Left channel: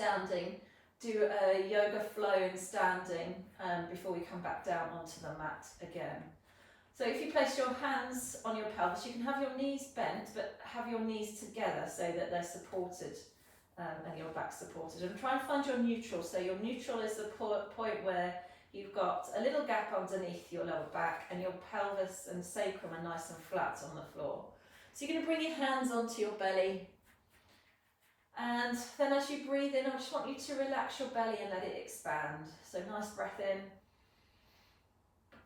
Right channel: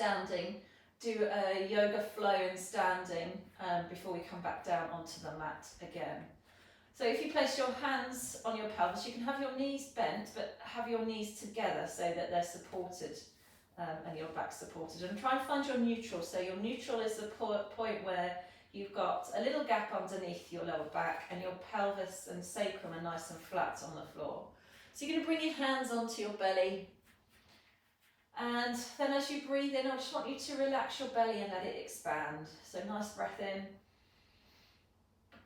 standing, do a yoga flow in standing before we come back down onto the mat again. So if you place your hands on your pelvis, you can have your knees bent, but have your knees together so that they're supported and your back supported. And try and find your neutral. So your neutral is the point where you've got a little gap underneath your lower back and your pelvis and sacrum are nice and flat on the floor. So you're going to bring your hands onto your belly. And then as you breathe in, I just want you to relax your belly and let it expand. So nice breath in,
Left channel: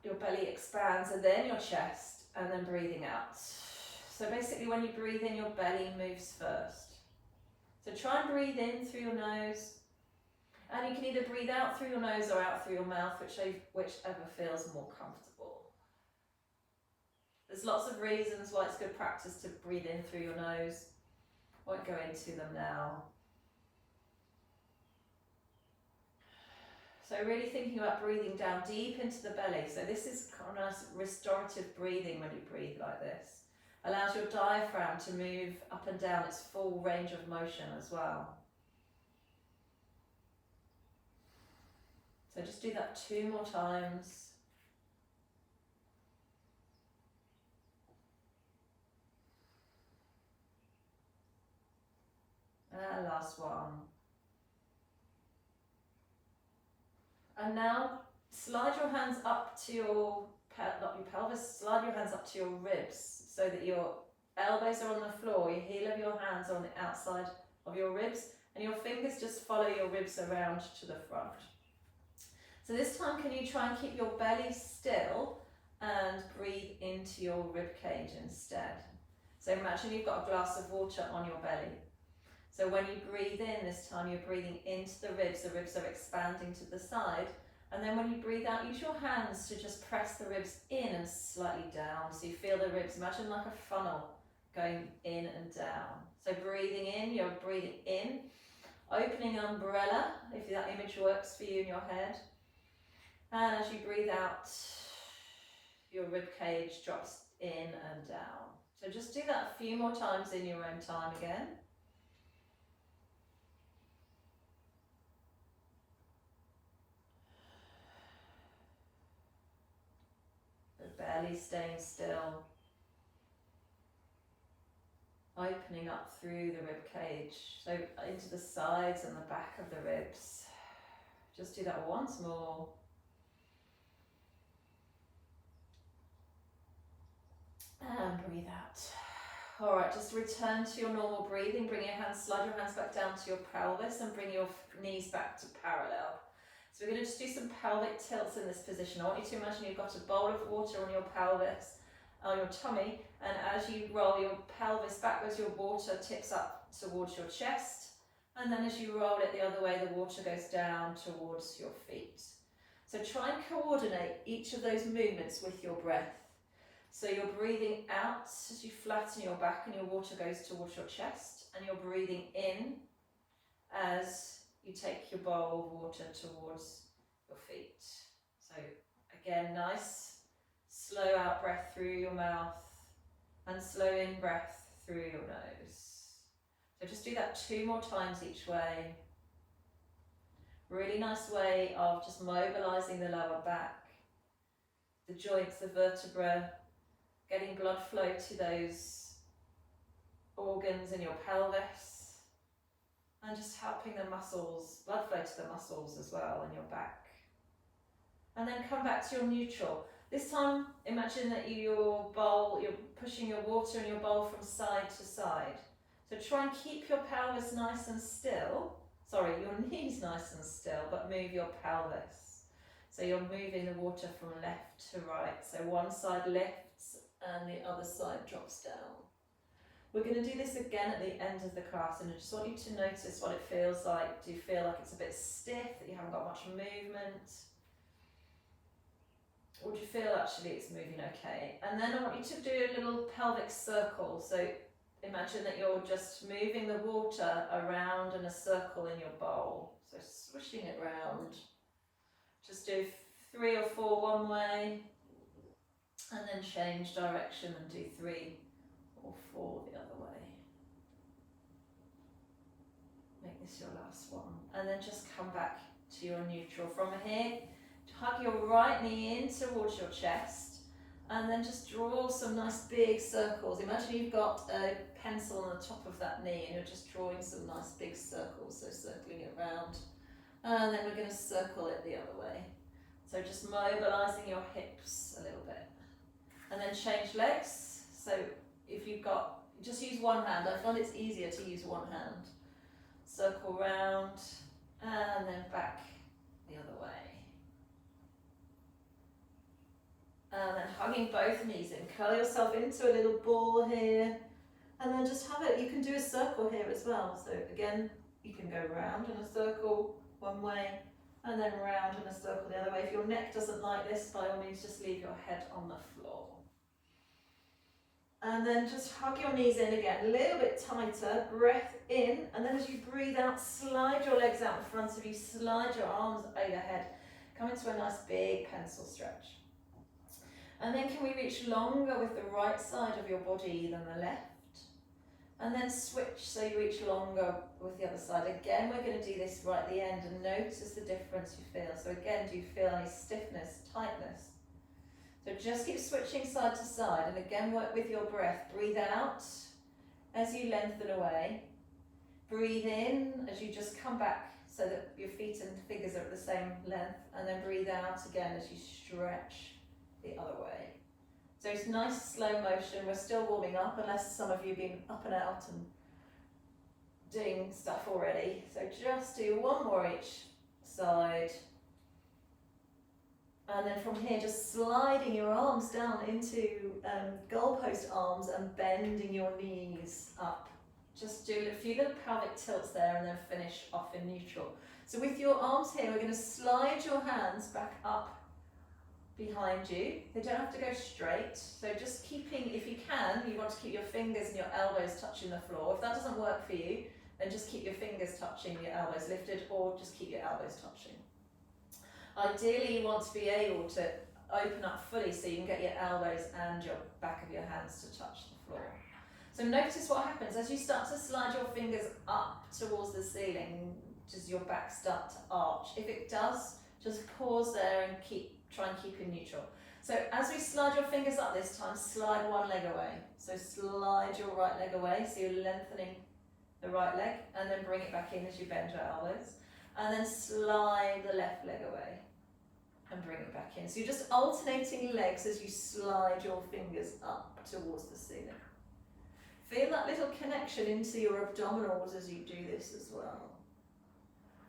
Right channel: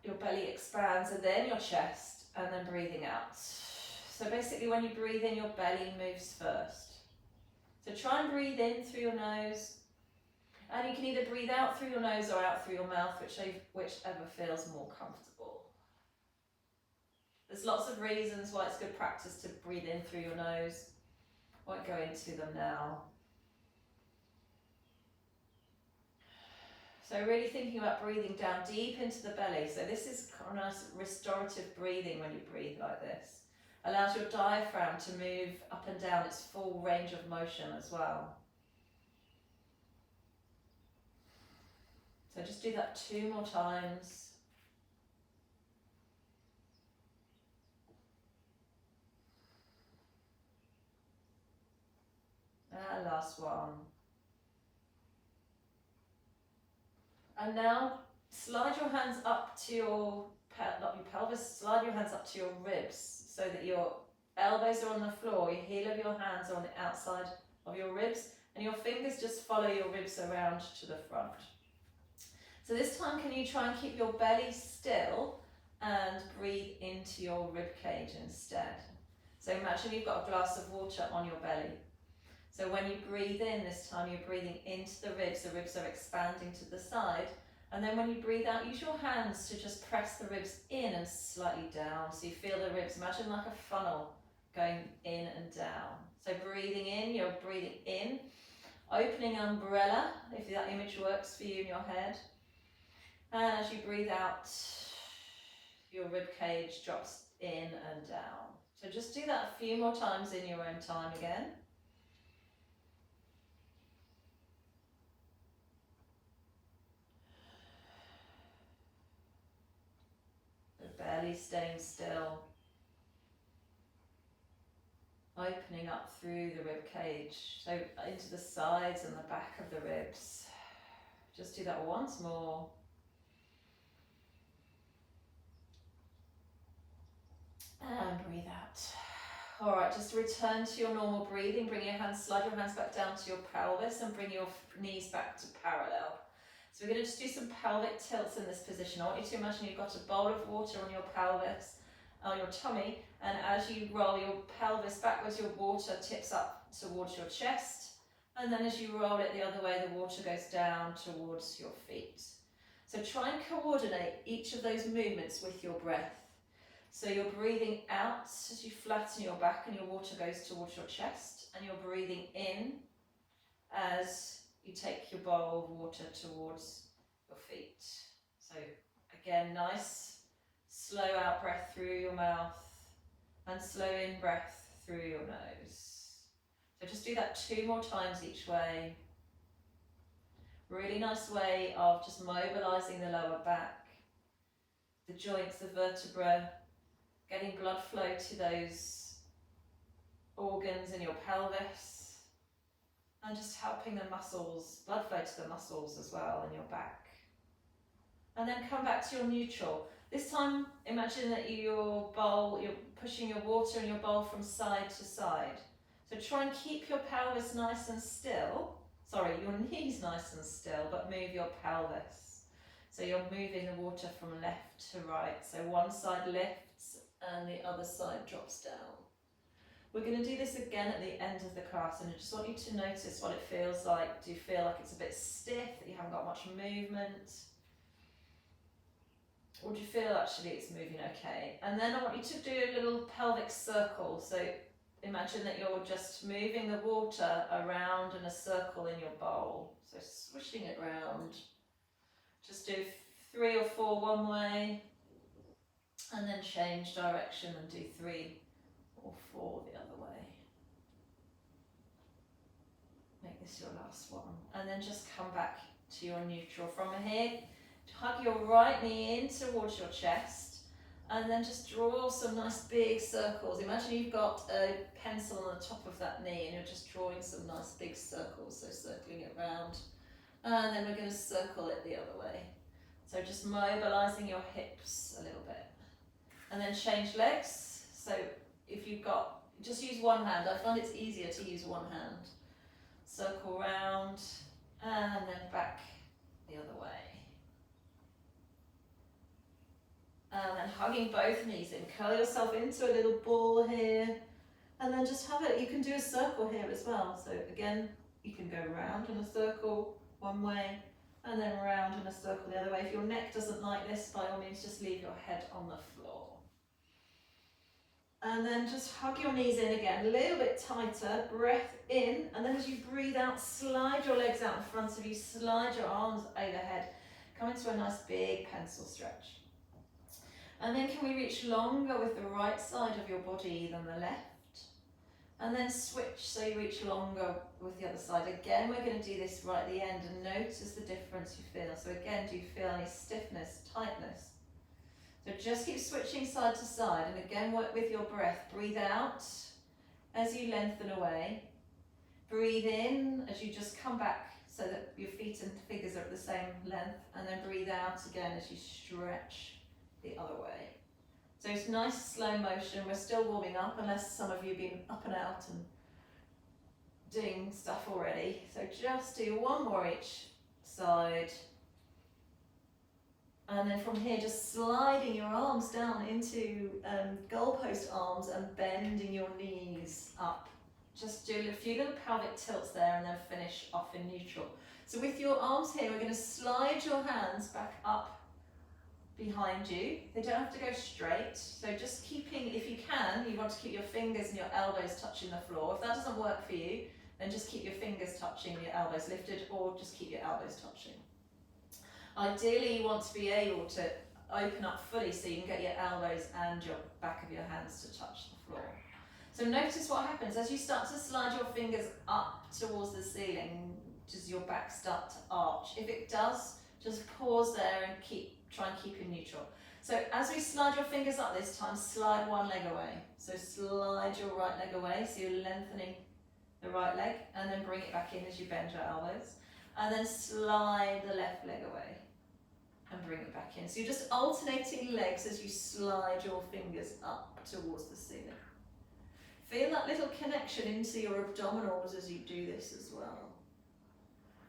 your belly expands, and then your chest, and then breathing out. So basically when you breathe in, your belly moves first. So try and breathe in through your nose, and you can either breathe out through your nose or out through your mouth, whichever feels more comfortable. There's lots of reasons why it's good practice to breathe in through your nose. Won't go into them now. So really thinking about breathing down deep into the belly. So this is kind of nice restorative breathing when you breathe like this. Allows your diaphragm to move up and down its full range of motion as well. So just do that 2 more times. And last one. And now slide your hands up to your pelvis, slide your hands up to your ribs so that your elbows are on the floor, your heel of your hands are on the outside of your ribs, and your fingers just follow your ribs around to the front. So this time, can you try and keep your belly still and breathe into your rib cage instead? So imagine you've got a glass of water on your belly. So when you breathe in this time, you're breathing into the ribs are expanding to the side. And then when you breathe out, use your hands to just press the ribs in and slightly down. So you feel the ribs, imagine like a funnel going in and down. So breathing in, you're breathing in, opening umbrella, if that image works for you in your head. And as you breathe out, your rib cage drops in and down. So just do that a few more times in your own time again. Belly staying still, opening up through the rib cage, so into the sides and the back of the ribs. Just do that once more. And breathe out. All right, just return to your normal breathing. Bring your hands, slide your hands back down to your pelvis and bring your knees back to parallel. So we're going to just do some pelvic tilts in this position. I want you to imagine you've got a bowl of water on your pelvis, on your tummy, and as you roll your pelvis backwards, your water tips up towards your chest, and then as you roll it the other way, the water goes down towards your feet. So try and coordinate each of those movements with your breath. So you're breathing out as you flatten your back and your water goes towards your chest, and you're breathing in as you take your bowl of water towards your feet. So again, nice, slow out breath through your mouth and slow in breath through your nose. So just do that 2 more times each way. Really nice way of just mobilizing the lower back, the joints, the vertebra, getting blood flow to those organs in your pelvis. And just helping the muscles, blood flow to the muscles as well in your back. And then come back to your neutral. This time, imagine that you're pushing your water in your bowl from side to side. So try and keep your pelvis nice and still. Sorry, your knees nice and still, but move your pelvis. So you're moving the water from left to right. So one side lifts and the other side drops down. We're going to do this again at the end of the class, and I just want you to notice what it feels like. Do you feel like it's a bit stiff, that you haven't got much movement? Or do you feel actually it's moving okay? And then I want you to do a little pelvic circle. So imagine that you're just moving the water around in a circle in your bowl. So swishing it around. Just do 3 or 4 one way, and then change direction and do 3 or 4 the other way. Make this your last one. and then just come back to your neutral. From here, hug your right knee in towards your chest, and then just draw some nice big circles. Imagine you've got a pencil on the top of that knee and you're just drawing some nice big circles, so circling it round. And then we're going to circle it the other way. So just mobilising your hips a little bit. And then change legs. So if you've got, just use one hand. I find it's easier to use one hand. Circle round and then back the other way. And then hugging both knees in. Curl yourself into a little ball here. And then just have it. You can do a circle here as well. So again, you can go round in a circle one way and then round in a circle the other way. If your neck doesn't like this, by all means, just leave your head on the floor. And then just hug your knees in again, a little bit tighter, breath in, and then as you breathe out, slide your legs out in front of you, slide your arms overhead, come into a nice big pencil stretch. And then can we reach longer with the right side of your body than the left? And then switch so you reach longer with the other side. Again, we're going to do this right at the end and notice the difference you feel. So again, do you feel any stiffness, tightness? So just keep switching side to side, and again work with your breath. Breathe out as you lengthen away. Breathe in as you just come back so that your feet and fingers are at the same length, and then breathe out again as you stretch the other way. So it's nice slow motion. We're still warming up, unless some of you have been up and out and doing stuff already. So just do one more each side. And then from here, just sliding your arms down into goalpost arms and bending your knees up. Just do a few little pelvic tilts there and then finish off in neutral. So with your arms here, we're going to slide your hands back up behind you. They don't have to go straight. So just keeping, if you can, you want to keep your fingers and your elbows touching the floor. If that doesn't work for you, then just keep your fingers touching, your elbows lifted, or just keep your elbows touching. Ideally, you want to be able to open up fully so you can get your elbows and your back of your hands to touch the floor. So notice what happens as you start to slide your fingers up towards the ceiling. Does your back start to arch? If it does, just pause there and try and keep in neutral. So as we slide your fingers up this time, slide one leg away. So slide your right leg away, so you're lengthening the right leg, and then bring it back in as you bend your elbows. And then slide the left leg away and bring it back in. So you're just alternating legs as you slide your fingers up towards the ceiling. Feel that little connection into your abdominals as you do this as well.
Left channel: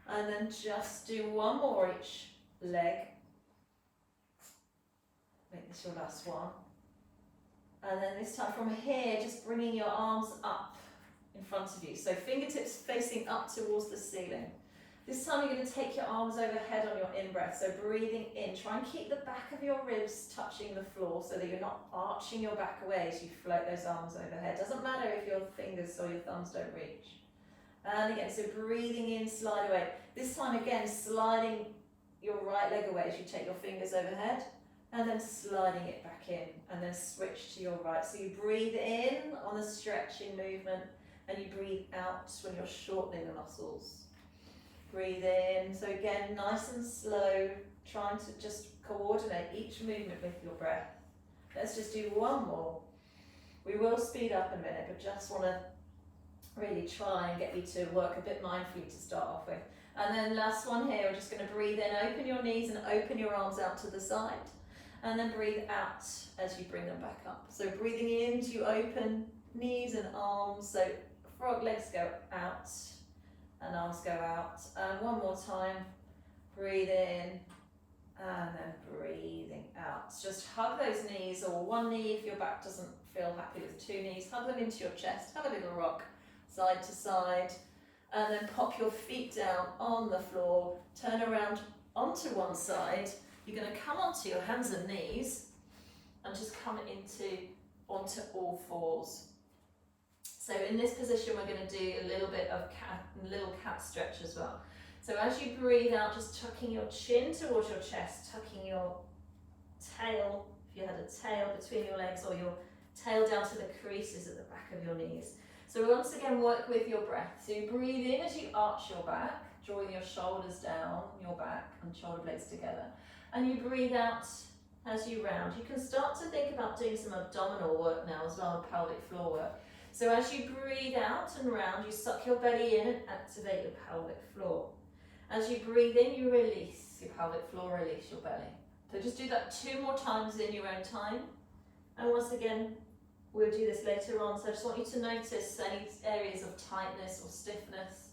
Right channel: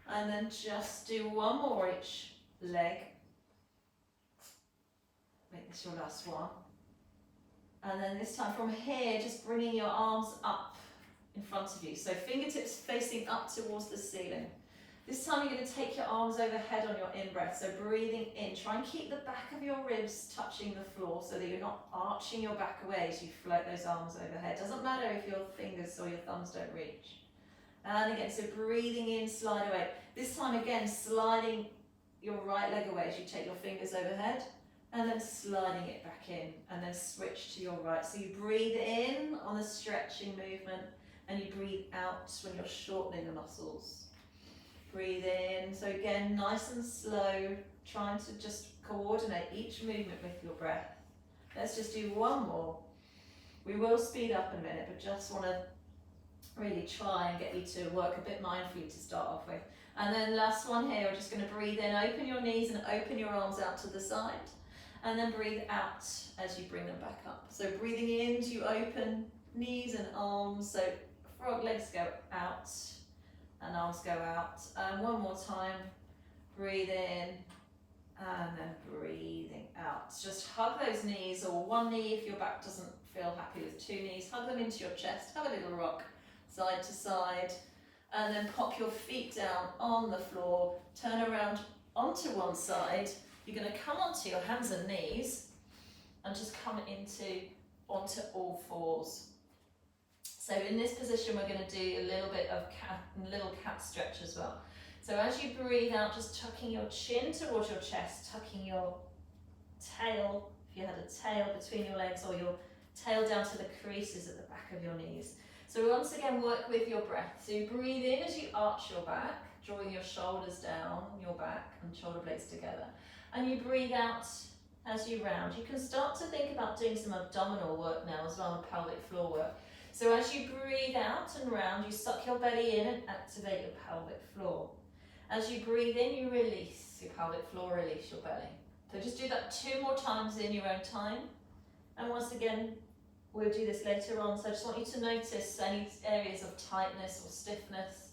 And then just do one more each leg. Make this your last one. And then this time from here, just bringing your arms up in front of you. So fingertips facing up towards the ceiling. This time you're going to take your arms overhead on your in-breath, so breathing in. Try and keep the back of your ribs touching the floor so that you're not arching your back away as you float those arms overhead. Doesn't matter if your fingers or your thumbs don't reach. And again, so breathing in, slide away. This time again, sliding your right leg away as you take your fingers overhead, and then sliding it back in, and then switch to your right. So you breathe in on the stretching movement, and you breathe out when you're shortening the muscles. Breathe in, so again, nice and slow, trying to just coordinate each movement with your breath. Let's just do one more. We will speed up in a minute, but just want to really try and get you to work a bit mindfully to start off with. And then last one here, we're just going to breathe in, open your knees and open your arms out to the side. And then breathe out as you bring them back up. So breathing in, you open knees and arms, so frog legs go out. And arms go out. And one more time, breathe in and then breathing out. Just hug those knees, or one knee if your back doesn't feel happy with two knees. Hug them into your chest, have a little rock side to side, and then pop your feet down on the floor, turn around onto one side. You're going to come onto your hands and knees and just come onto all fours. So in this position, we're going to do a little bit of little cat stretch as well. So as you breathe out, just tucking your chin towards your chest, tucking your tail, if you had a tail between your legs, or your tail down to the creases at the back of your knees. So once again, work with your breath. So you breathe in as you arch your back, drawing your shoulders down, your back and shoulder blades together. And you breathe out as you round. You can start to think about doing some abdominal work now as well, pelvic floor work. So as you breathe out and round, you suck your belly in and activate your pelvic floor. As you breathe in, you release your pelvic floor, release your belly. So just do that 2 more times in your own time. And once again, we'll do this later on. So I just want you to notice any areas of tightness or stiffness.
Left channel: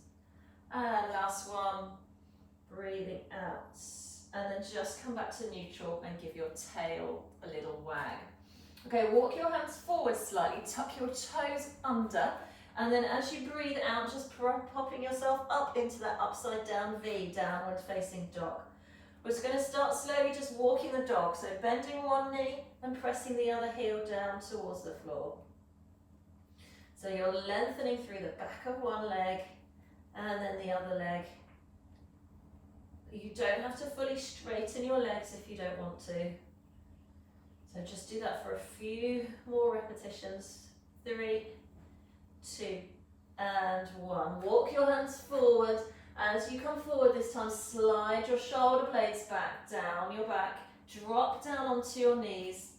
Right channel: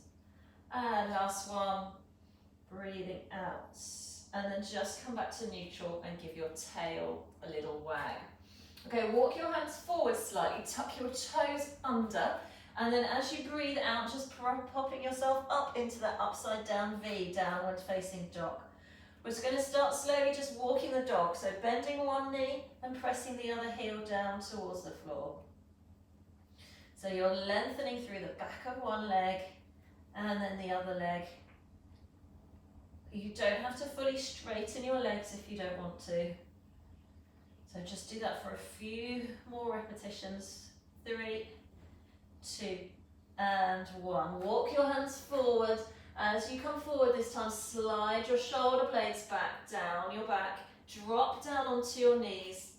And last one, breathing out. And then just come back to neutral and give your tail a little wag. Okay, walk your hands forward slightly, tuck your toes under, and then as you breathe out, just popping yourself up into that upside down V, downward facing dog. We're just going to start slowly just walking the dog, so bending one knee and pressing the other heel down towards the floor. So you're lengthening through the back of one leg and then the other leg. You don't have to fully straighten your legs if you don't want to. So just do that for a few more repetitions. 3, 2, and 1. Walk your hands forward. As you come forward this time, slide your shoulder blades back, down your back, drop down onto your knees,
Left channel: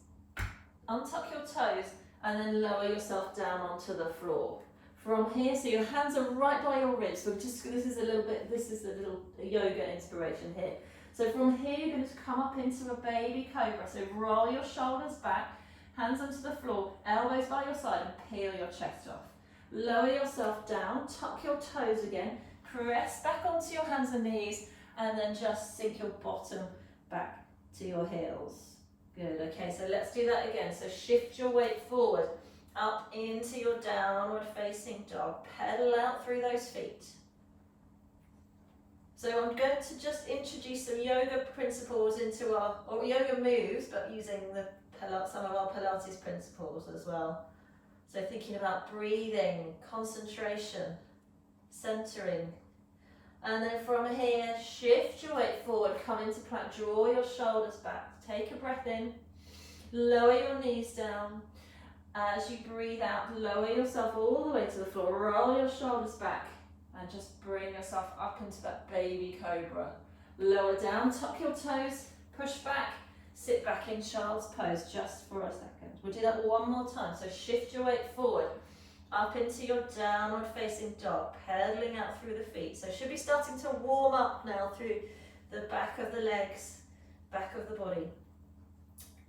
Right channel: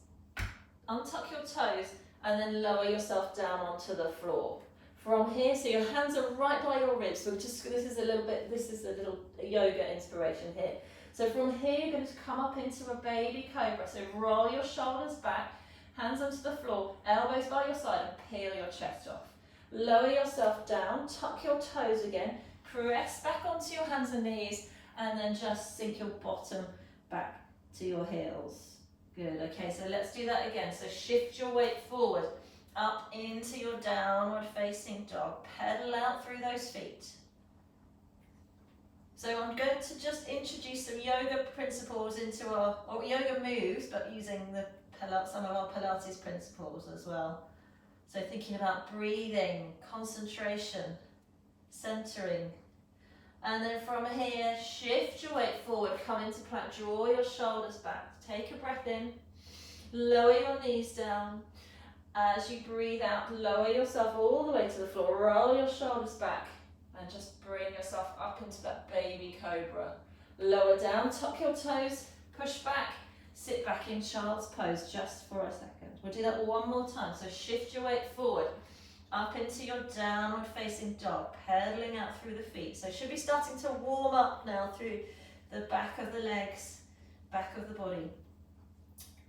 untuck your toes, and then lower yourself down onto the floor. From here, so your hands are right by your ribs. So this is a little yoga inspiration here. So from here, you're going to come up into a baby cobra. So roll your shoulders back, hands onto the floor, elbows by your side, and peel your chest off. Lower yourself down, tuck your toes again, press back onto your hands and knees, and then just sink your bottom back to your heels. Good, okay, so let's do that again. So shift your weight forward, up into your downward facing dog. Pedal out through those feet. So I'm going to just introduce some yoga principles into or yoga moves, but using some of our Pilates principles as well. So thinking about breathing, concentration, centering. And then from here, shift your weight forward, come into plank, draw your shoulders back, take a breath in, lower your knees down. As you breathe out, lower yourself all the way to the floor, roll your shoulders back, and just bring yourself up into that baby cobra. Lower down, tuck your toes, push back, sit back in child's pose just for a second. We'll do that one more time. So shift your weight forward, up into your downward facing dog, pedaling out through the feet. So should be starting to warm up now through the back of the legs, back of the body.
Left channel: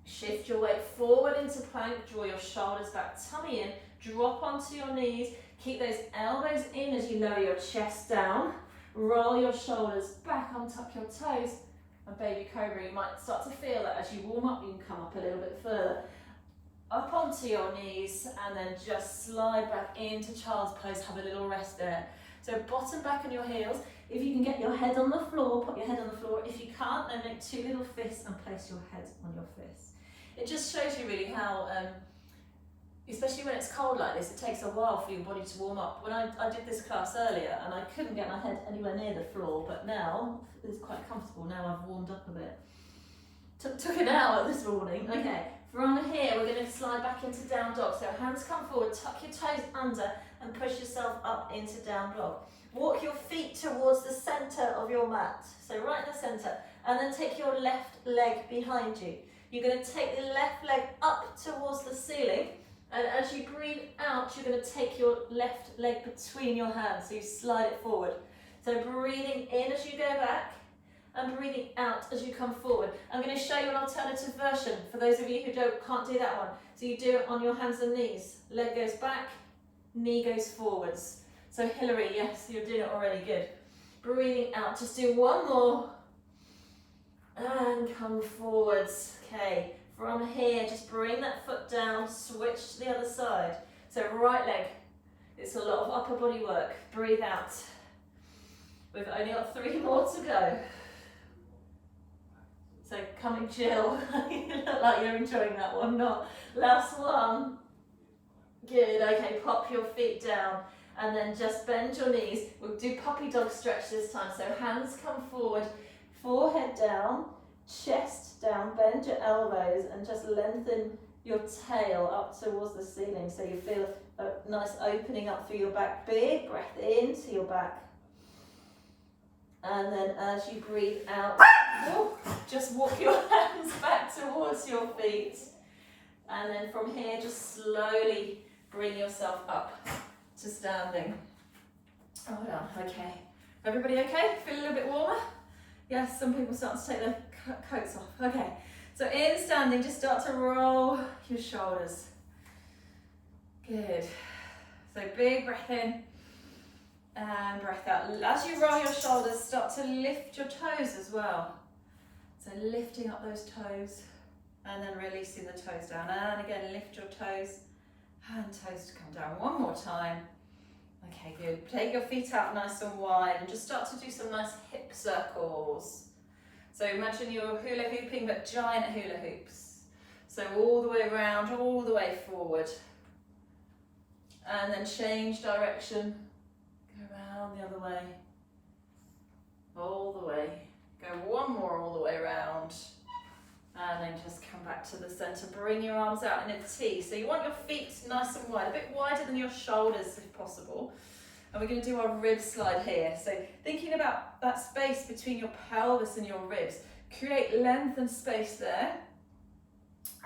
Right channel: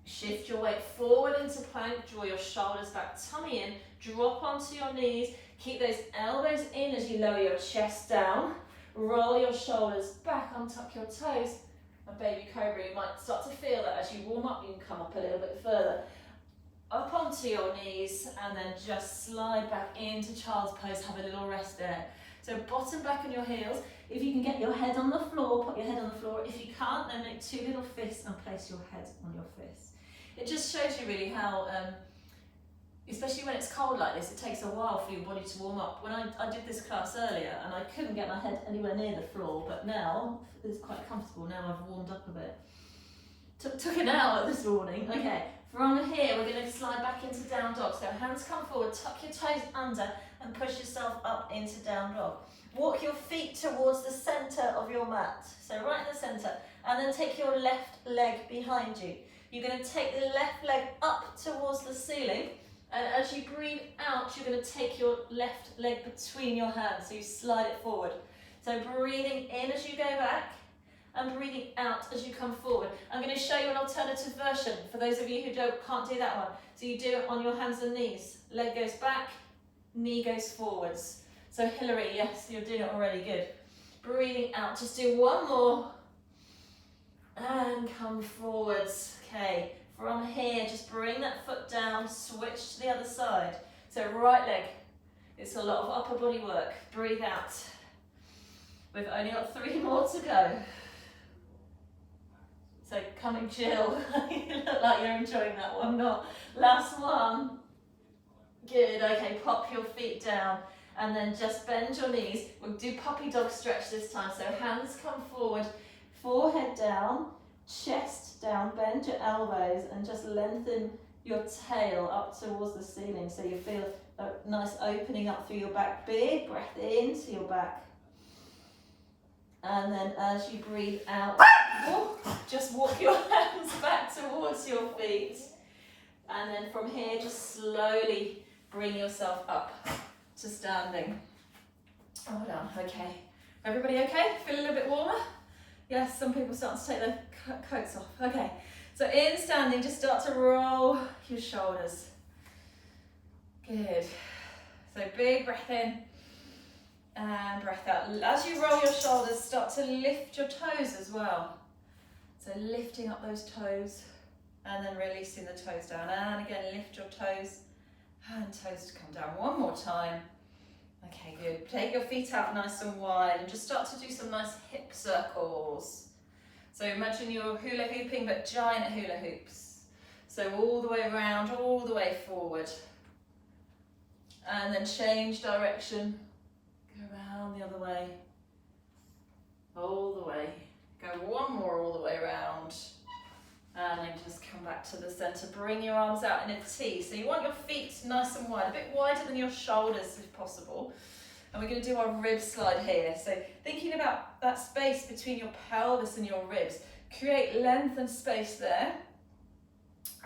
Shift your weight forward into plank, draw your shoulders back, tummy in, drop onto your knees, keep those elbows in as you lower your chest down, roll your shoulders back, untuck your toes, and baby cobra. You might start to feel that as you warm up, you can come up a little bit further, up onto your knees, and then just slide back into child's pose, have a little rest there. So bottom back on your heels. If you can get your head on the floor, put your head on the floor. If you can't, then make 2 little fists and place your head on your fists. It just shows you really how, especially when it's cold like this, it takes a while for your body to warm up. When I did this class earlier and I couldn't get my head anywhere near the floor, but now it's quite comfortable. Now I've warmed up a bit. Took an hour this morning. Okay, from here we're going to slide back into down dog. So hands come forward, tuck your toes under and push yourself up into down dog. Walk your feet towards the centre of your mat. So right in the centre, and then take your left leg behind you. You're going to take the left leg up towards the ceiling, and as you breathe out, you're going to take your left leg between your hands, so you slide it forward. So breathing in as you go back, and breathing out as you come forward. I'm going to show you an alternative version for those of you who can't do that one. So you do it on your hands and knees. Leg goes back, knee goes forwards. So Hillary, yes, you're doing it already, good. Breathing out, just do one more. And come forwards. Okay, from here, just bring that foot down, switch to the other side. So right leg, it's a lot of upper body work. Breathe out. We've only got 3 more to go. So coming Jill, you look like you're enjoying that one, not. Last one. Good, okay, pop your feet down and then just bend your knees. We'll do puppy dog stretch this time. So hands come forward, forehead down, chest down, bend your elbows and just lengthen your tail up towards the ceiling so you feel a nice opening up through your back. Big breath into your back. And then as you breathe out, just walk your hands back towards your feet. And then from here, just slowly bring yourself up to standing. Hold on, okay. Everybody okay? Feel a little bit warmer? Yes, some people start to take their coats off. Okay, so in standing, just start to roll your shoulders. Good. So big breath in and breath out. As you roll your shoulders, start to lift your toes as well. So lifting up those toes and then releasing the toes down. And again, lift your toes and toes to come down. One more time. Okay, good. Take your feet out nice and wide and just start to do some nice hip circles. So imagine you're hula hooping, but giant hula hoops. So all the way around, all the way forward. And then change direction. Go around the other way. All the way. Go one more all the way around. And then just come back to the center. Bring your arms out in a T. So you want your feet nice and wide, a bit wider than your shoulders if possible. And we're going to do our rib slide here. So thinking about that space between your pelvis and your ribs. Create length and space there.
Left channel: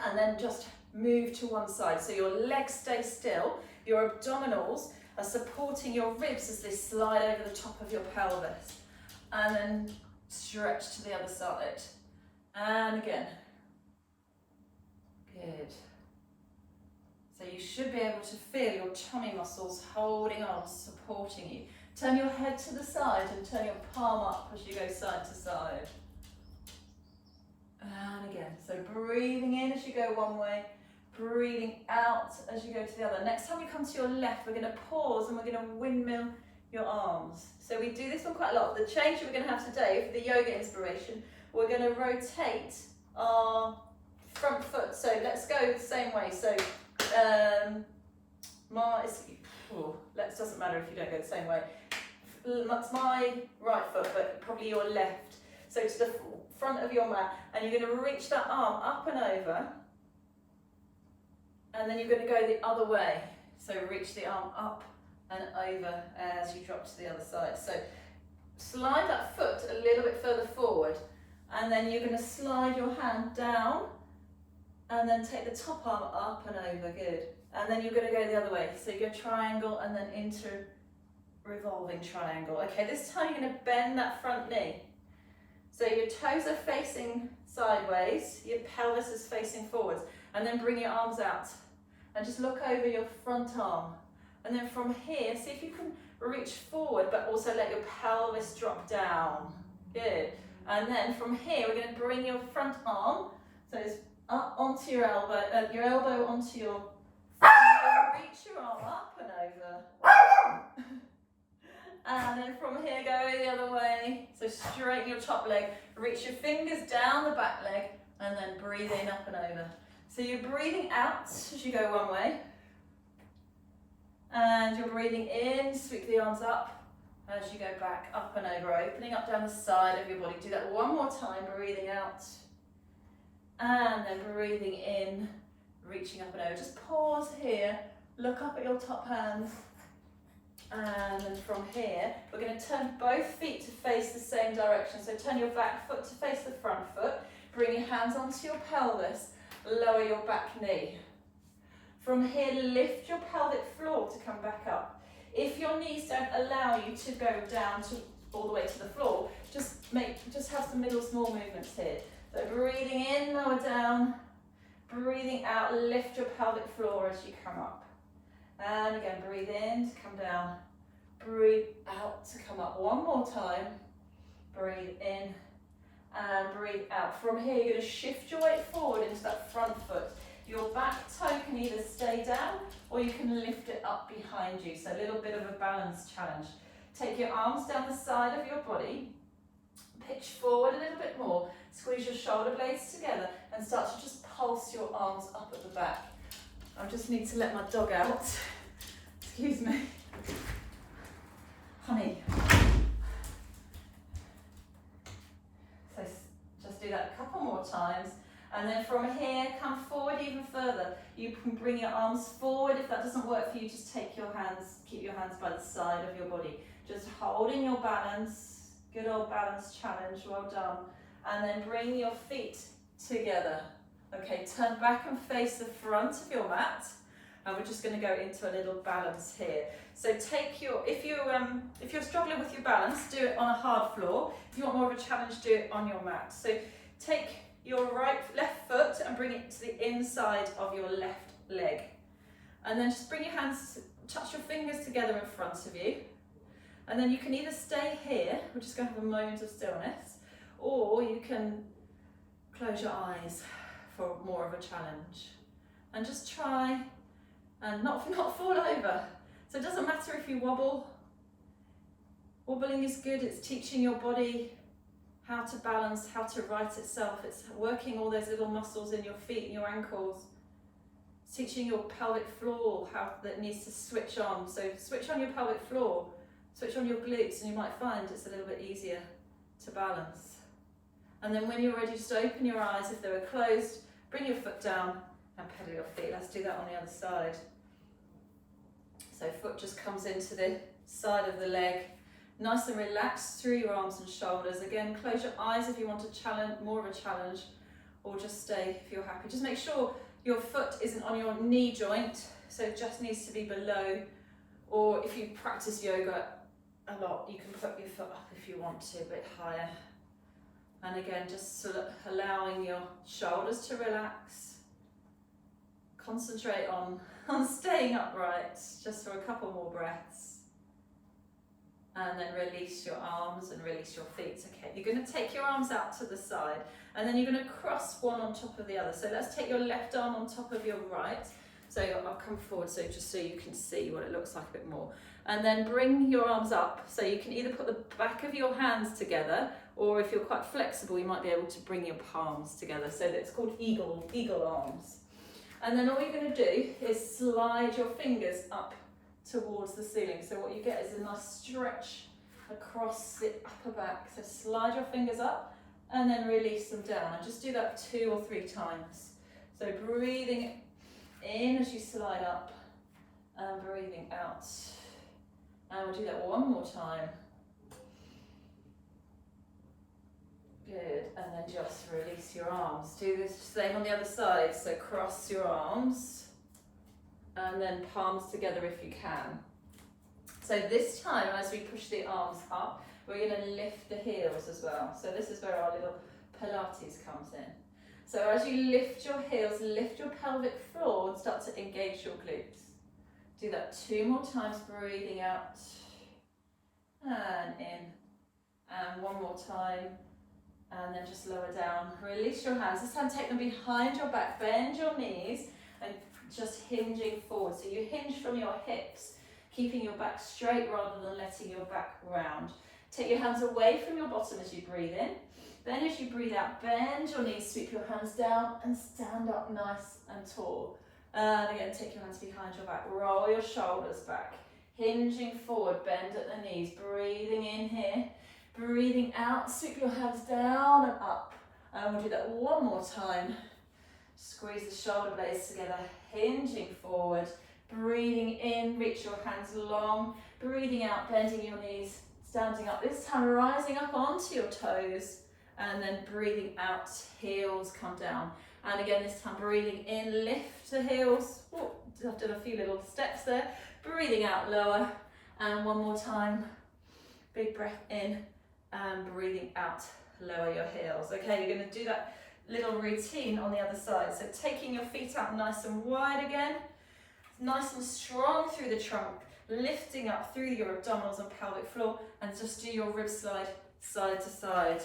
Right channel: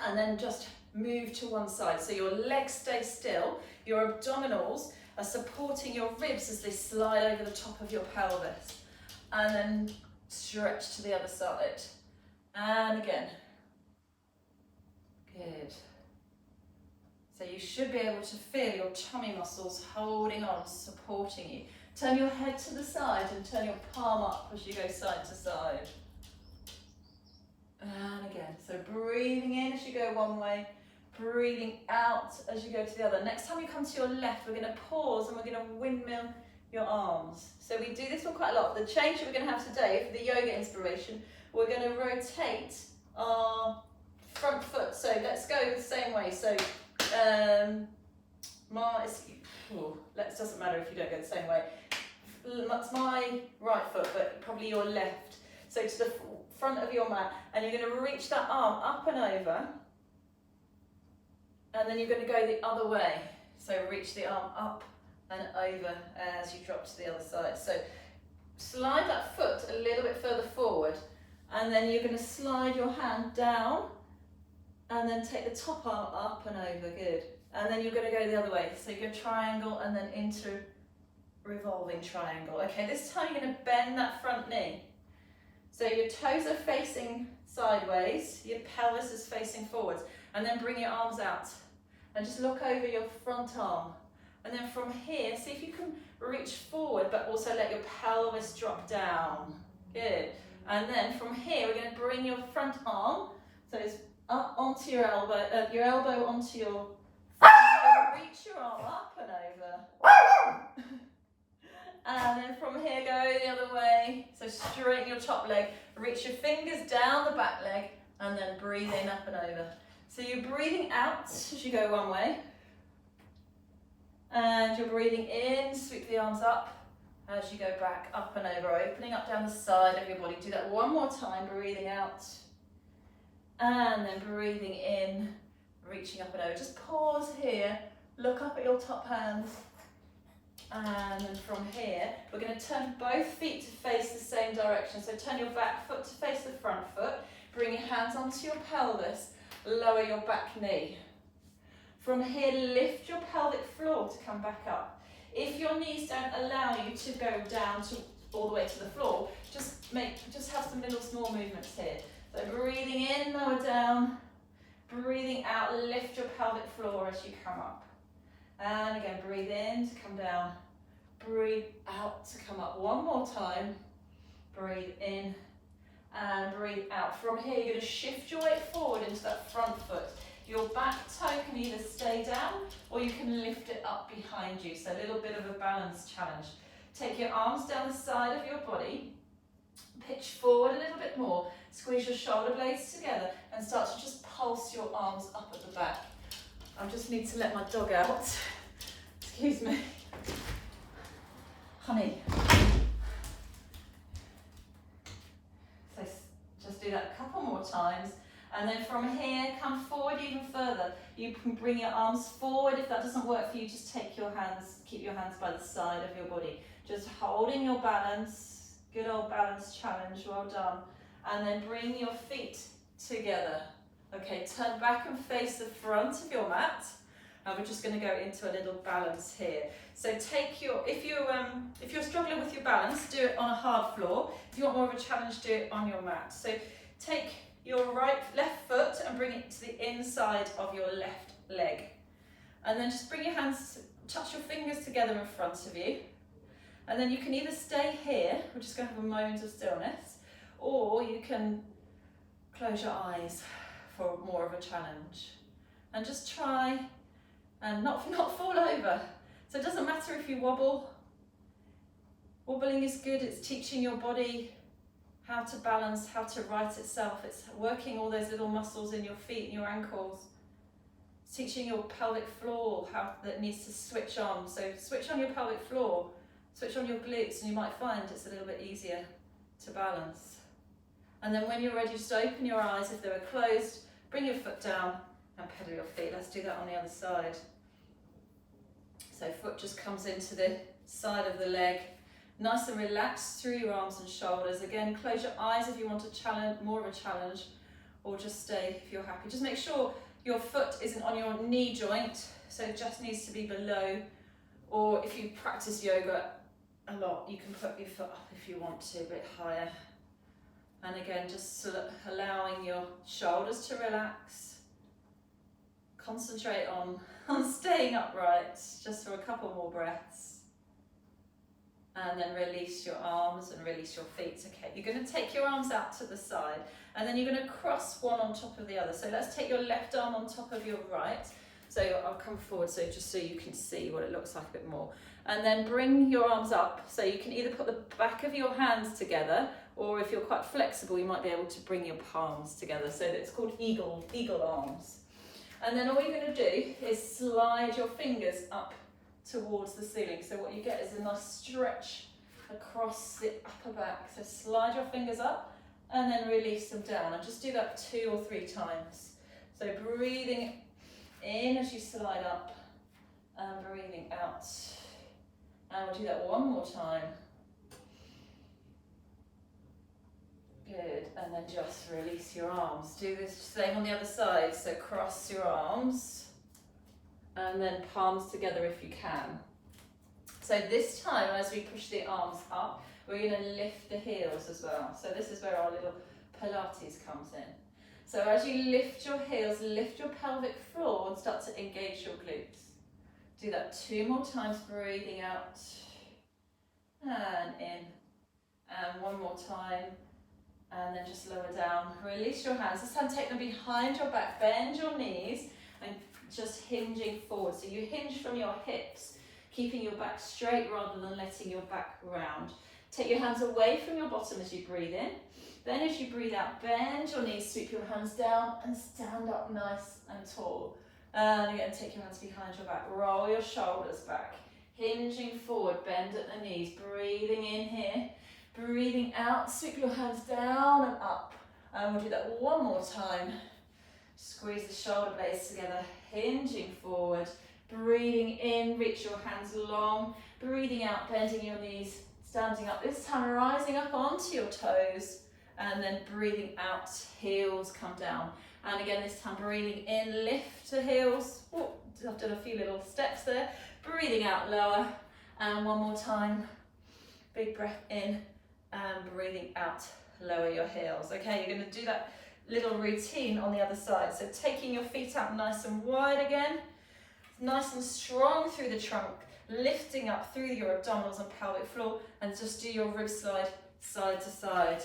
And then just move to one side. So your legs stay still. Your abdominals are supporting your ribs as they slide over the top of your pelvis. And then stretch to the other side. And again. Good. So you should be able to feel your tummy muscles holding on, supporting you. Turn your head to the side and turn your palm up as you go side to side. And again. So breathing in as you go one way, breathing out as you go to the other. Next time you come to your left, we're going to pause and we're going to windmill your arms. So we do this one quite a lot. The change that we're going to have today for the yoga inspiration, we're going to rotate our front foot. So let's go the same way. So doesn't matter if you don't go the same way. That's my right foot, but probably your left. So to the front of your mat, and you're going to reach that arm up and over, and then you're going to go the other way. So reach the arm up and over as you drop to the other side. So slide that foot a little bit further forward, and then you're going to slide your hand down and then take the top arm up and over. Good. And then you're going to go the other way. So your triangle and then into revolving triangle. Okay, this time you're going to bend that front knee. So your toes are facing sideways, your pelvis is facing forwards, and then bring your arms out and just look over your front arm. And then from here, see if you can reach forward, but also let your pelvis drop down. Good. And then from here, we're going to bring your front arm, so it's up onto your elbow onto your, reach your arm up and over. And then from here, go the other way. So straighten your top leg, reach your fingers down the back leg, and then breathe in up and over. So you're breathing out as you go one way. And you're breathing in, sweep the arms up as you go back, up and over, opening up down the side of your body. Do that one more time, breathing out. And then breathing in, reaching up and over. Just pause here, look up at your top hands. And then from here, we're going to turn both feet to face the same direction. So turn your back foot to face the front foot. Bring your hands onto your pelvis. Lower your back knee. From here, lift your pelvic floor to come back up. If your knees don't allow you to go down to all the way to the floor, just have some little small movements here. So breathing in, lower down. Breathing out, lift your pelvic floor as you come up. And again, breathe in to come down. Breathe out to come up. One more time. Breathe in and breathe out. From here, you're going to shift your weight forward into that front foot. Your back toe can either stay down or you can lift it up behind you. So a little bit of a balance challenge. Take your arms down the side of your body. Pitch forward a little bit more. Squeeze your shoulder blades together and start to just pulse your arms up at the back. I just need to let my dog out. Excuse me. Honey. So just do that a couple more times. And then from here, come forward even further. You can bring your arms forward. If that doesn't work for you, just keep your hands by the side of your body. Just holding your balance. Good old balance challenge, well done. And then bring your feet together. Okay, turn back and face the front of your mat. And we're just going to go into a little balance here. So take your, if you're struggling with your balance, do it on a hard floor. If you want more of a challenge, do it on your mat. So take your left foot and bring it to the inside of your left leg. And then just bring your hands, touch your fingers together in front of you. And then you can either stay here, we're just going to have a moment of stillness, or you can close your eyes for more of a challenge. And just try and not fall over. So it doesn't matter if you wobble. Wobbling is good, it's teaching your body how to balance, how to right itself. It's working all those little muscles in your feet and your ankles. It's teaching your pelvic floor how that needs to switch on. So switch on your pelvic floor, switch on your glutes, and you might find it's a little bit easier to balance. And then when you're ready, just open your eyes. If they were closed, bring your foot down and pedal your feet. Let's do that on the other side. So foot just comes into the side of the leg. Nice and relaxed through your arms and shoulders. Again, close your eyes if you want a challenge, more of a challenge, or just stay if you're happy. Just make sure your foot isn't on your knee joint, so it just needs to be below. Or if you practice yoga a lot, you can put your foot up if you want to, a bit higher. And again, just sort of allowing your shoulders to relax. Concentrate on staying upright, just for a couple more breaths. And then release your arms and release your feet. Okay, you're going to take your arms out to the side, and then you're going to cross one on top of the other. So let's take your left arm on top of your right. So I'll come forward so just so you can see what it looks like a bit more. And then bring your arms up. So you can either put the back of your hands together, or if you're quite flexible, you might be able to bring your palms together. So it's called eagle arms. And then all you're going to do is slide your fingers up towards the ceiling. So what you get is a nice stretch across the upper back. So slide your fingers up and then release them down. And just do that 2 or 3 times. So breathing in as you slide up and breathing out. And we'll do that one more time. Good, and then just release your arms. Do this same on the other side. So cross your arms and then palms together if you can. So this time, as we push the arms up, we're going to lift the heels as well. So this is where our little Pilates comes in. So as you lift your heels, lift your pelvic floor and start to engage your glutes. Do that 2 more times, breathing out and in. And one more time. And then just lower down. Release your hands. This time take them behind your back. Bend your knees and just hinging forward. So you hinge from your hips, keeping your back straight rather than letting your back round. Take your hands away from your bottom as you breathe in. Then as you breathe out, bend your knees, sweep your hands down and stand up nice and tall. And again, take your hands behind your back. Roll your shoulders back. Hinging forward, bend at the knees. Breathing in here. Breathing out, sweep your hands down and up. And we'll do that one more time. Squeeze the shoulder blades together, hinging forward. Breathing in, reach your hands long. Breathing out, bending your knees, standing up. This time rising up onto your toes. And then breathing out, heels come down. And again, this time breathing in, lift the heels. Oh, I've done a few little steps there. Breathing out, lower. And one more time. Big breath in. And breathing out, lower your heels. Okay, you're going to do that little routine on the other side. So taking your feet out nice and wide again, nice and strong through the trunk, lifting up through your abdominals and pelvic floor, and just do your rib slide side to side.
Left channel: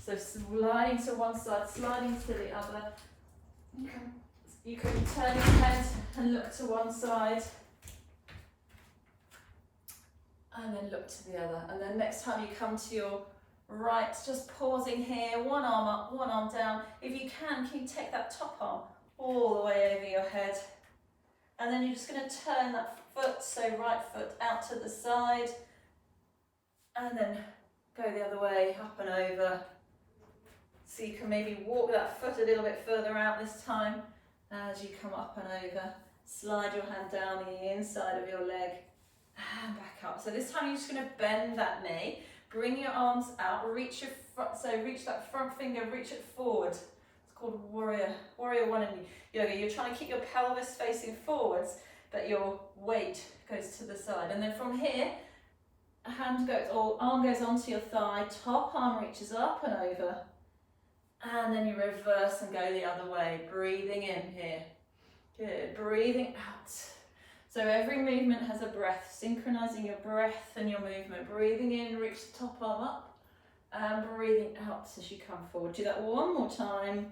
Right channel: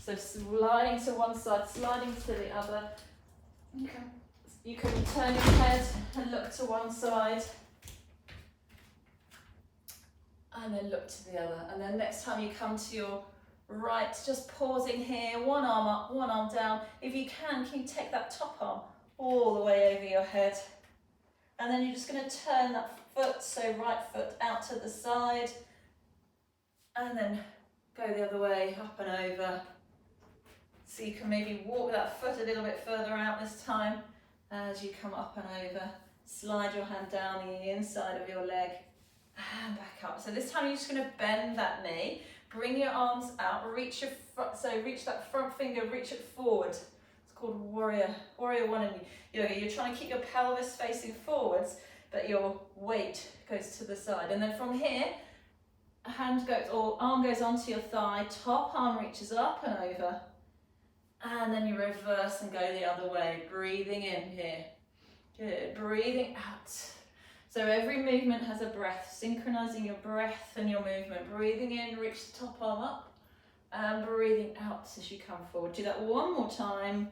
So sliding to one side, sliding to the other. You can turn your head and look to one side. And then look to the other. And then next time you come to your right, just pausing here, one arm up, one arm down. If you can you take that top arm all the way over your head? And then you're just going to turn that foot, so right foot out to the side. And then go the other way, up and over. So you can maybe walk that foot a little bit further out this time as you come up and over. Slide your hand down the inside of your leg. And back up. So this time you're just going to bend that knee, Bring your arms out, reach your front, so reach that front finger, reach it forward. It's called warrior one in yoga. You're trying to keep your pelvis facing forwards, but your weight goes to the side. And then from here, hand goes, or arm goes onto your thigh, top arm reaches up and over. And then you reverse and go the other way, breathing in here. Good, breathing out. So every movement has a breath, synchronizing your breath and your movement. Breathing in, reach the top arm up, and breathing out as you come forward. Do that one more time.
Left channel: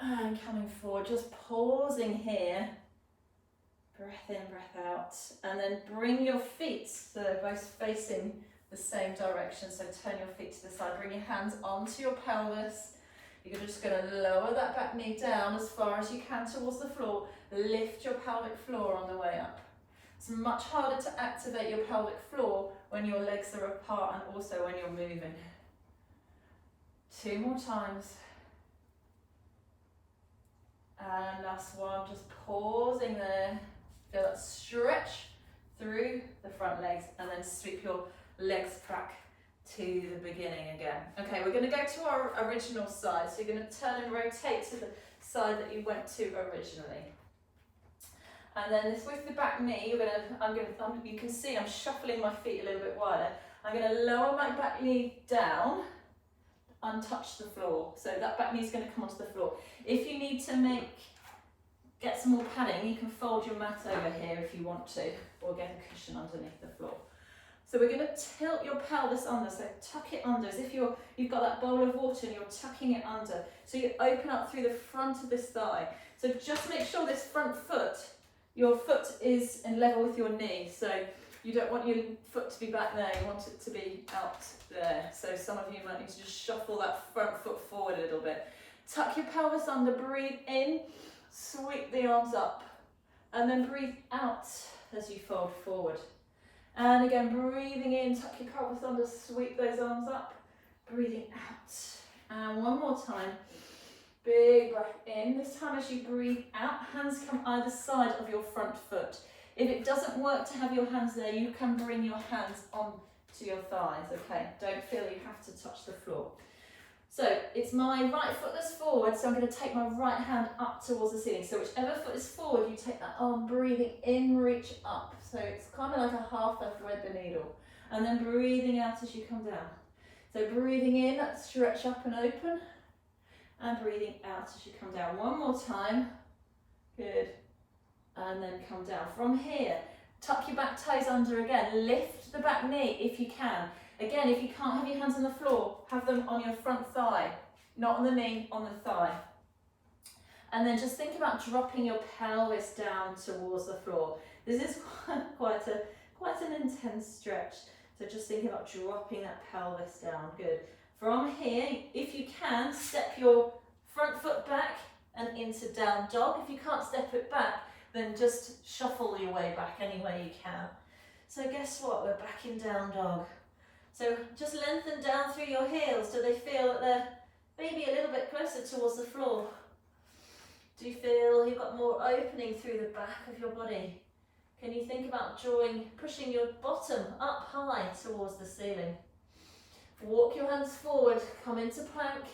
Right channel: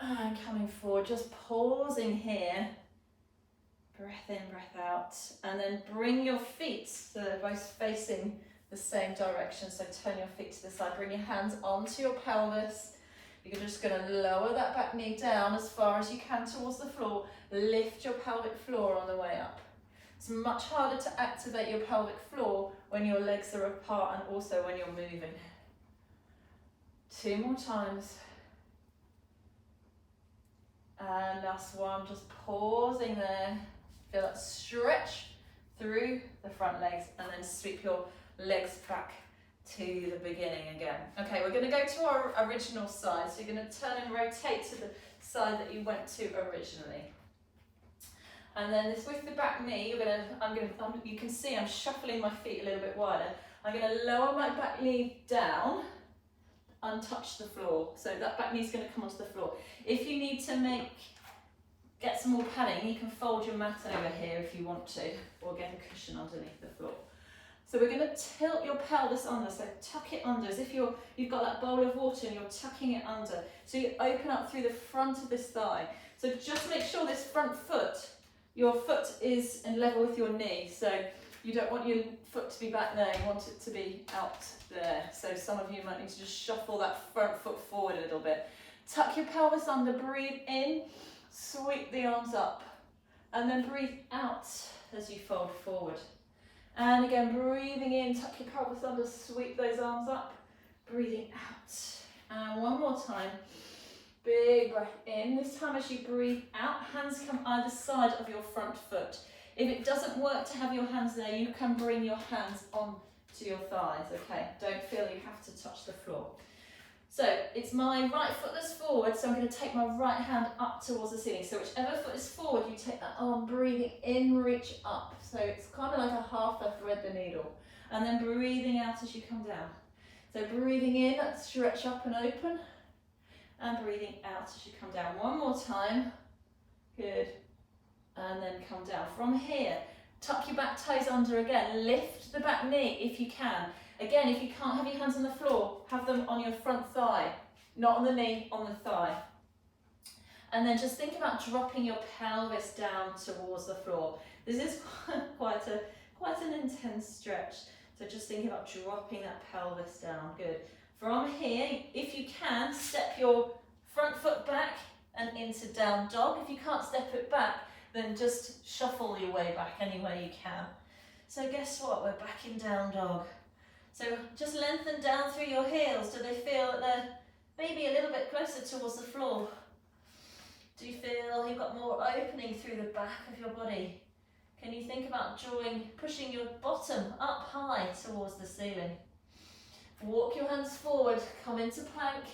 And coming forward, just pausing here. Breath in, breath out. And then bring your feet, so they're both facing the same direction. So turn your feet to the side, bring your hands onto your pelvis. You're just going to lower that back knee down as far as you can towards the floor. Lift your pelvic floor on the way up. It's much harder to activate your pelvic floor when your legs are apart and also when you're moving. 2 more times. And last one, just pausing there. Feel that stretch through the front legs and then sweep your legs back to the beginning again. Okay, we're going to go to our original side. So you're going to turn and rotate to the side that you went to originally. And then this with the back knee, you can see I'm shuffling my feet a little bit wider. I'm going to lower my back knee down, untouch the floor. So that back knee is going to come onto the floor. If you need to get some more padding, you can fold your mat over here if you want to, or get a cushion underneath the floor. So we're going to tilt your pelvis under, so tuck it under as if you've got that bowl of water and you're tucking it under. So you open up through the front of this thigh. So just make sure this front foot, your foot is in level with your knee. So you don't want your foot to be back there, you want it to be out there. So some of you might need to just shuffle that front foot forward a little bit. Tuck your pelvis under, breathe in, sweep the arms up, and then breathe out as you fold forward. And again, breathing in, tuck your pelvis under, sweep those arms up, breathing out. And one more time, big breath in. This time as you breathe out, hands come either side of your front foot. If it doesn't work to have your hands there, you can bring your hands on to your thighs, okay? Don't feel you have to touch the floor. So it's my right foot that's forward, so I'm going to take my right hand up towards the ceiling. So whichever foot is forward, you take that arm, breathing in, reach up. So it's kind of like a half a thread the needle. And then breathing out as you come down. So breathing in, stretch up and open. And breathing out as you come down. One more time. Good. And then come down. From here, tuck your back toes under again. Lift the back knee if you can. Again, if you can't have your hands on the floor, have them on your front thigh. Not on the knee, on the thigh. And then just think about dropping your pelvis down towards the floor. This is quite an intense stretch. So just think about dropping that pelvis down. Good. From here, if you can, step your front foot back and into down dog. If you can't step it back, then just shuffle your way back any way you can. So guess what? We're back in down dog. So just lengthen down through your heels. Do they feel that they're maybe a little bit closer towards the floor? Do you feel you've got more opening through the back of your body? Can you think about pushing your bottom up high towards the ceiling? Walk your hands forward, come into plank.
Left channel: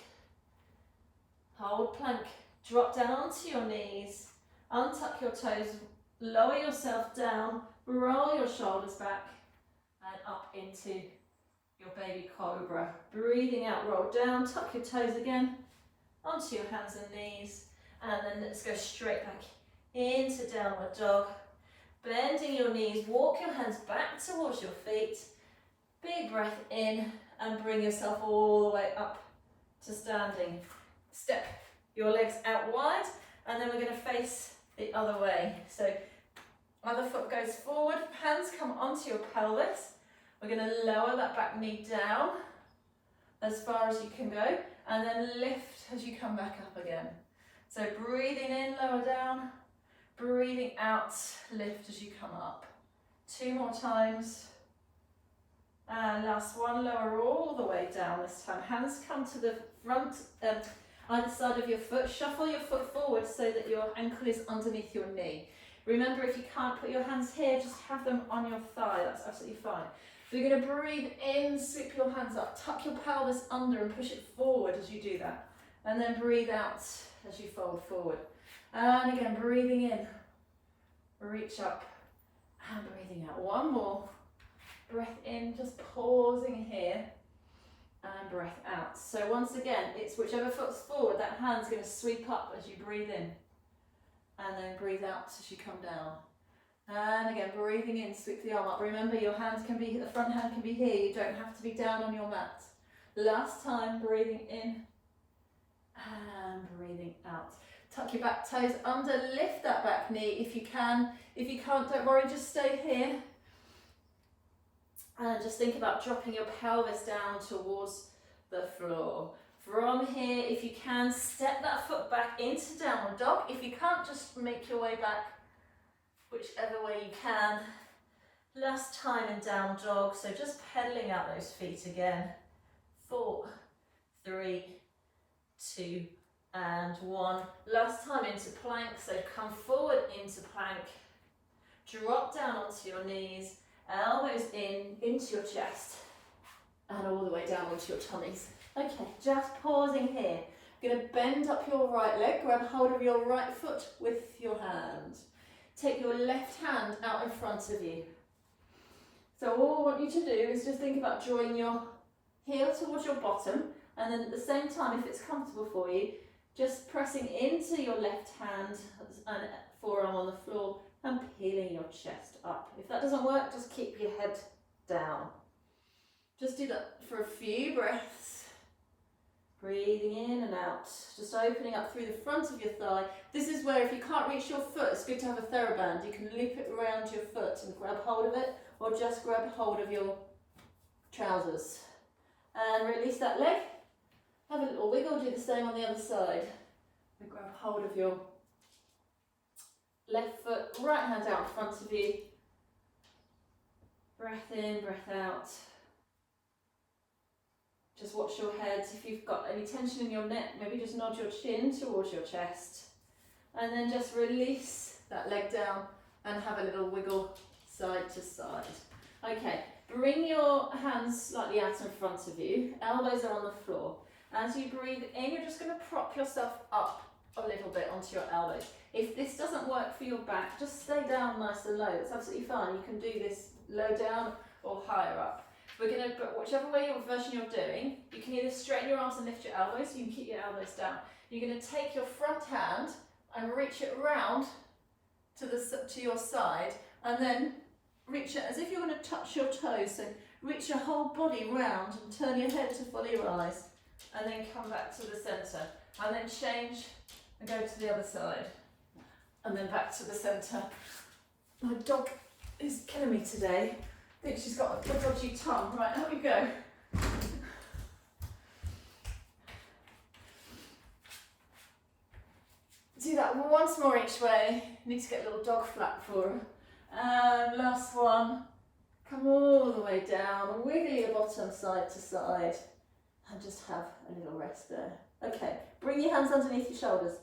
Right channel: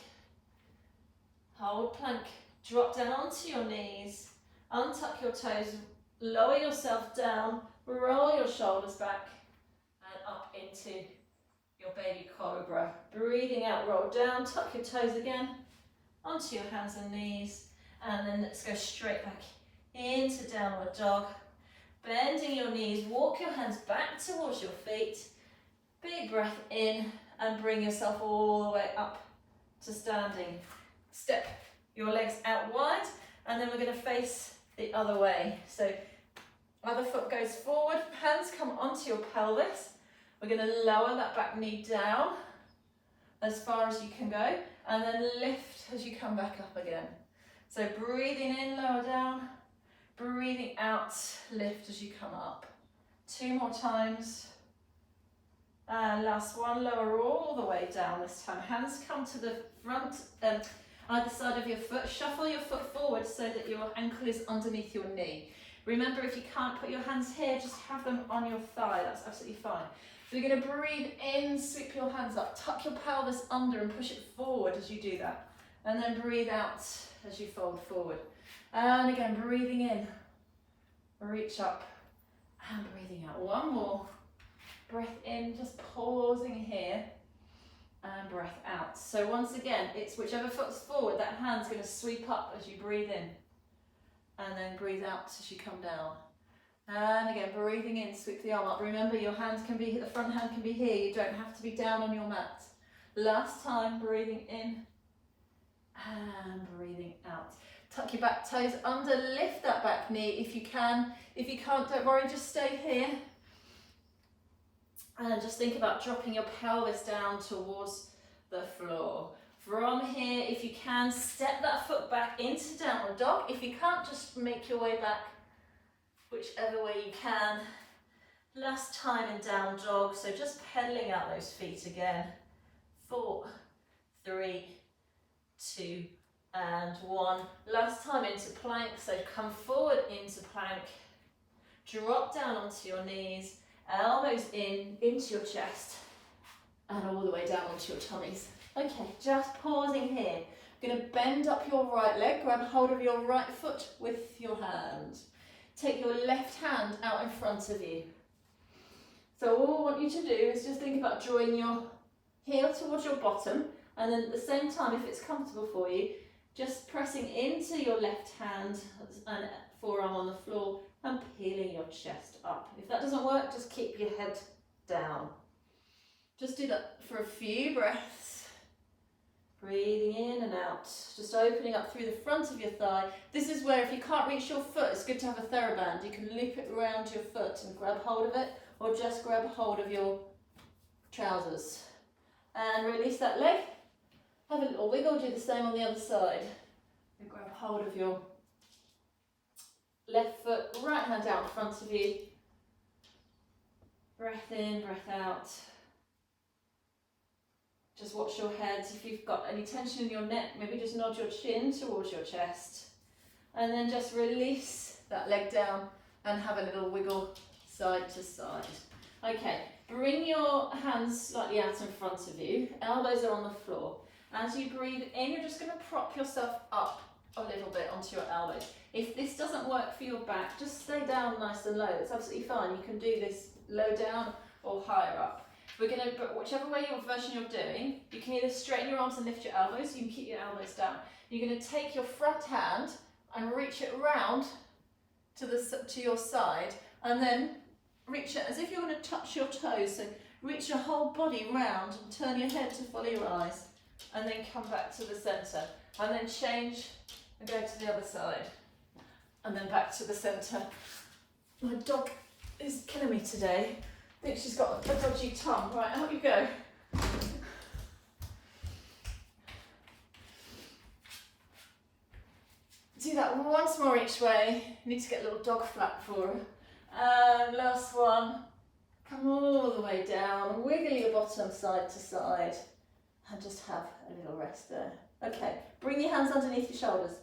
Hold plank, drop down onto your knees, untuck your toes, lower yourself down, roll your shoulders back and up into your baby cobra. Breathing out, roll down, tuck your toes again, onto your hands and knees, and then let's go straight back into downward dog. Bending your knees, walk your hands back towards your feet. Big breath in and bring yourself all the way up to standing. Step your legs out wide and then we're going to face the other way. So other foot goes forward, hands come onto your pelvis. We're going to lower that back knee down as far as you can go and then lift as you come back up again. So breathing in, lower down. Breathing out, lift as you come up. 2 more times. And last one, lower all the way down this time. Hands come to the front, either side of your foot. Shuffle your foot forward so that your ankle is underneath your knee. Remember, if you can't put your hands here, just have them on your thigh. That's absolutely fine. So you're going to breathe in, sweep your hands up, tuck your pelvis under and push it forward as you do that. And then breathe out as you fold forward. And again, breathing in, reach up and breathing out. One more. Breath in, just pausing here. And breath out. So once again, it's whichever foot's forward, that hand's going to sweep up as you breathe in. And then breathe out as you come down. And again, breathing in, sweep the arm up. Remember, your hands can be, the front hand can be here. You don't have to be down on your mat. Last time, breathing in and breathing out. Tuck your back toes under, lift that back knee if you can. If you can't, don't worry, just stay here. And just think about dropping your pelvis down towards the floor. From here, if you can, step that foot back into downward dog. If you can't, just make your way back whichever way you can. Last time in down dog, so just pedaling out those feet again. 4, 3, 2, and 1. Last time into plank, so come forward into plank. Drop down onto your knees, elbows in, into your chest, and all the way down onto your tummies. Okay, just pausing here. You're going to bend up your right leg, grab hold of your right foot with your hand. Take your left hand out in front of you. So all I want you to do is just think about drawing your heel towards your bottom, and then at the same time, if it's comfortable for you, just pressing into your left hand and forearm on the floor and peeling your chest up. If that doesn't work, just keep your head down. Just do that for a few breaths. Breathing in and out, just opening up through the front of your thigh. This is where if you can't reach your foot, it's good to have a TheraBand. You can loop it around your foot and grab hold of it, or just grab hold of your trousers. And release that leg. Have a little wiggle, do the same on the other side. And grab hold of your left foot, right hand out in front of you. Breath in, breath out. Just watch your head. If you've got any tension in your neck, maybe just nod your chin towards your chest. And then just release that leg down and have a little wiggle side to side. Okay, bring your hands slightly out in front of you. Elbows are on the floor. As you breathe in, you're just going to prop yourself up a little bit onto your elbows. If this doesn't work for your back, just stay down nice and low. It's absolutely fine. You can do this low down or higher up. We're going to, whichever way your version you're doing, you can either straighten your arms and lift your elbows, you can keep your elbows down. You're going to take your front hand and reach it round to your side, and then reach it as if you're going to touch your toes. So reach your whole body round and turn your head to follow your eyes, and then come back to the centre, and then change and go to the other side, and then back to the centre. My dog is killing me today. I think she's got a dodgy tongue. Right, out you go. Do that once more each way. Need to get a little dog flat for her. And last one. Come all the way down. Wiggle your bottom side to side. And just have a little rest there. Okay, bring your hands underneath your shoulders.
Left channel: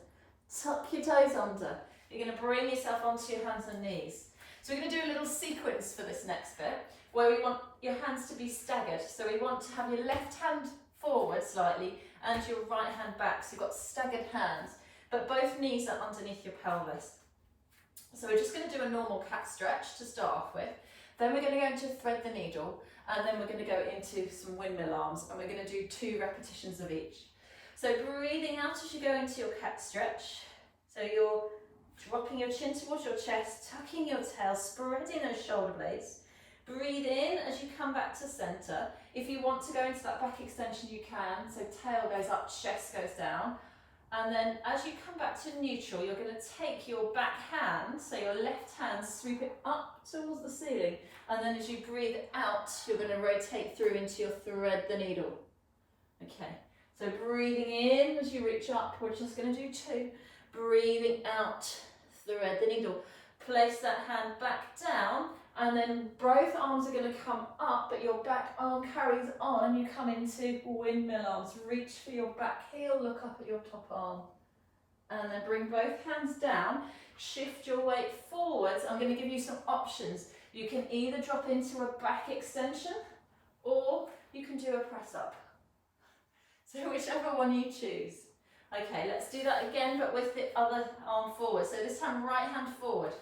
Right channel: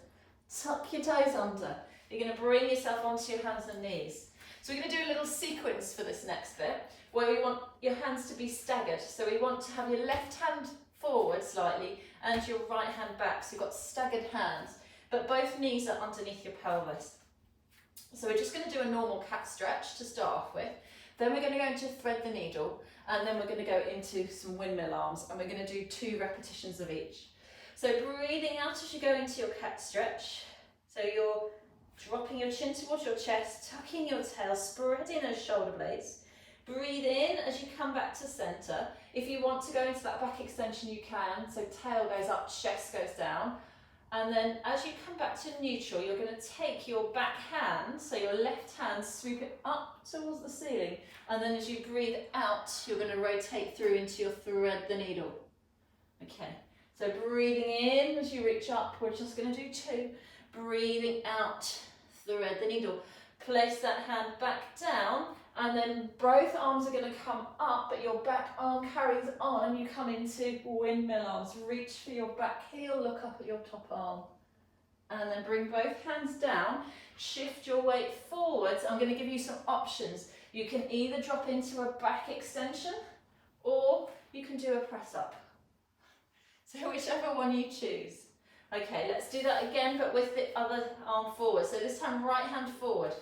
Tuck your toes under. You're going to bring yourself onto your hands and knees. So we're going to do a little sequence for this next bit, where we want your hands to be staggered. So we want to have your left hand forward slightly and your right hand back. So you've got staggered hands, but both knees are underneath your pelvis. So we're just going to do a normal cat stretch to start off with. Then we're going to go into thread the needle, and then we're going to go into some windmill arms, and we're going to do 2 repetitions of each. So breathing out as you go into your cat stretch. So you're dropping your chin towards your chest, tucking your tail, spreading those shoulder blades. Breathe in as you come back to centre. If you want to go into that back extension, you can. So tail goes up, chest goes down. And then as you come back to neutral, you're going to take your back hand, so your left hand, sweep it up towards the ceiling. And then as you breathe out, you're going to rotate through into your thread the needle. Okay, so breathing in as you reach up, we're just going to do 2. Breathing out, thread the needle. Place that hand back down, and then both arms are going to come up, but your back arm carries on and you come into windmill arms. Reach for your back heel, look up at your top arm. And then bring both hands down, shift your weight forwards. I'm going to give you some options. You can either drop into a back extension or you can do a press up. So whichever one you choose. Okay, let's do that again, but with the other arm forward. So this time, right hand forward.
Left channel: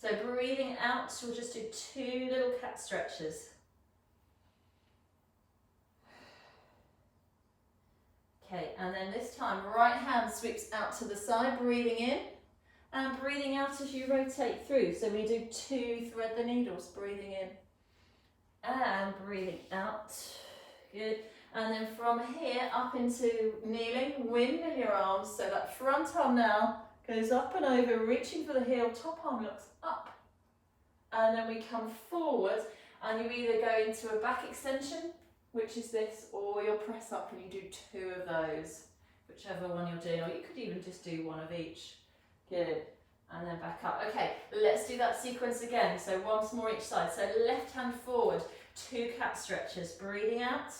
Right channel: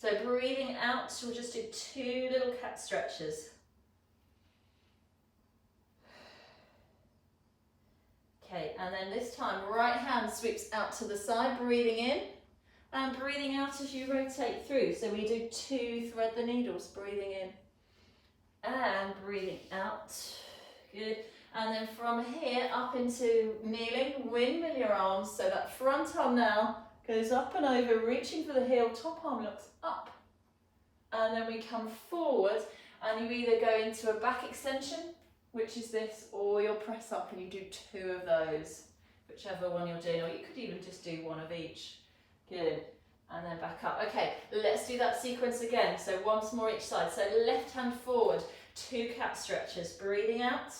So breathing out, we'll just do 2 little cat stretches. Okay, and then this time, right hand sweeps out to the side, breathing in, and breathing out as you rotate through. So we do 2 thread the needles, breathing in, and breathing out. Good. And then from here up into kneeling, windmill your arms, so that front arm now goes up and over, reaching for the heel, top arm looks up. And then we come forward, and you either go into a back extension, which is this, or you'll press up and you do 2 of those, whichever one you're doing, or you could even just do 1 of each. Good. And then back up. Okay, let's do that sequence again. So once more each side. So left hand forward, 2 cat stretches, breathing out.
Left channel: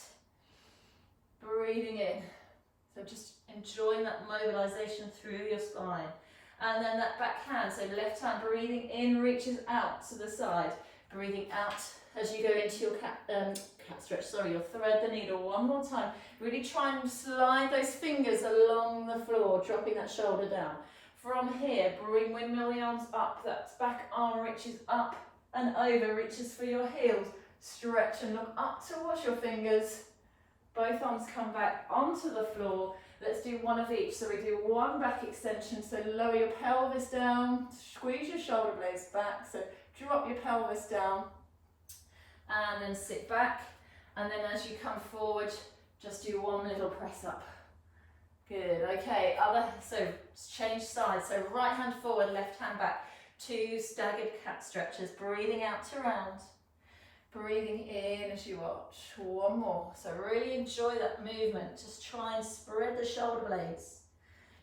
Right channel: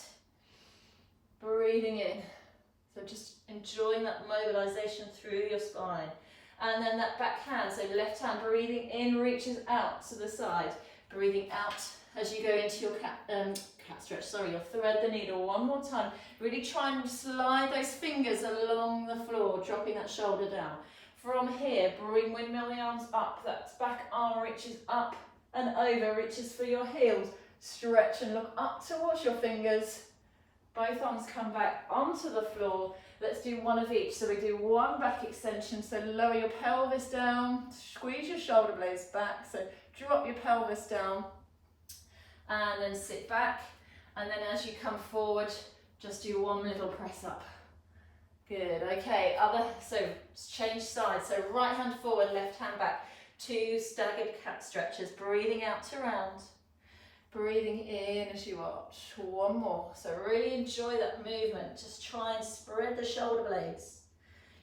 Breathing in, so just enjoying that mobilization through your spine. And then that back hand, so left hand breathing in, reaches out to the side, breathing out as you go into your cat stretch, you'll thread the needle one more time. Really try and slide those fingers along the floor, dropping that shoulder down. From here, bring windmill the arms up, that back arm reaches up and over, reaches for your heels. Stretch and look up towards your fingers. Both arms come back onto the floor. Let's do 1 of each. So we do 1 back extension. So lower your pelvis down, squeeze your shoulder blades back. So drop your pelvis down and then sit back. And then as you come forward, just do 1 little press up. Good, okay, so change sides. So right hand forward, left hand back. 2 staggered cat stretches, breathing out to round. Breathing in as you arch. 1 more. So really enjoy that movement. Just try and spread the shoulder blades.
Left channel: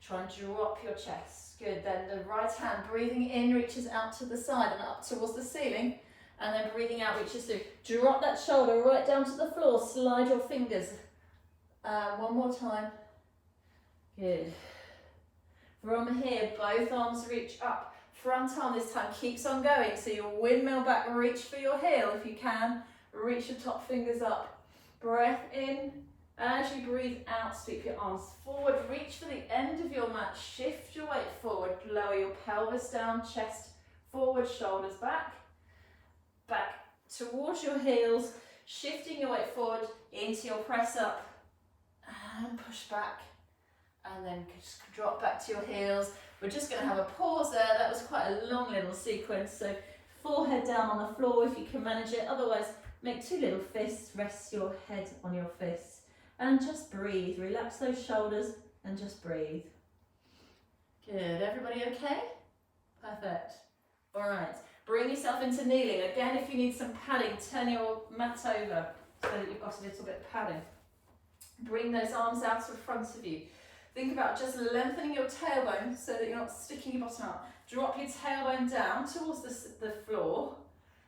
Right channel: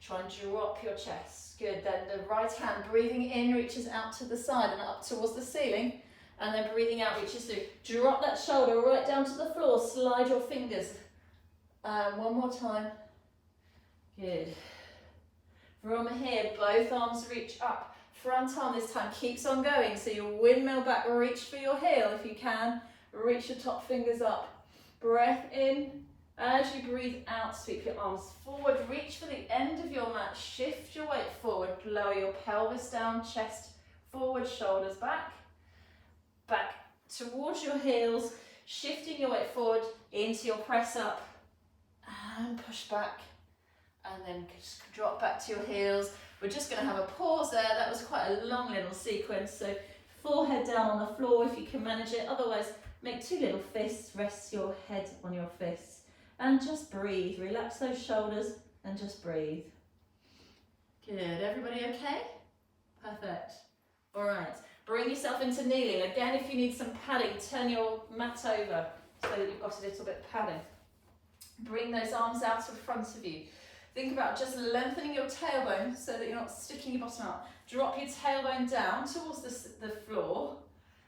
Try and drop your chest. Good. Then the right hand breathing in reaches out to the side and up towards the ceiling. And then breathing out reaches through. Drop that shoulder right down to the floor. Slide your fingers. 1 more time. Good. From here, both arms reach up. Front arm this time keeps on going, so you windmill back, reach for your heel if you can, reach your top fingers up. Breath in, as you breathe out, sweep your arms forward, reach for the end of your mat, shift your weight forward, lower your pelvis down, chest forward, shoulders back, back towards your heels, shifting your weight forward into your press up, and push back, and then just drop back to your heels. We're just going to have a pause there. That was quite a long little sequence. So forehead down on the floor if you can manage it. Otherwise, make 2 little fists. Rest your head on your fists. And just breathe. Relax those shoulders and just breathe. Good. Everybody okay? Perfect. All right. Bring yourself into kneeling. Again, if you need some padding, turn your mat over so that you've got a little bit of padding. Bring those arms out in front of you. Think about just lengthening your tailbone so that you're not sticking your bottom out. Drop your tailbone down towards the floor.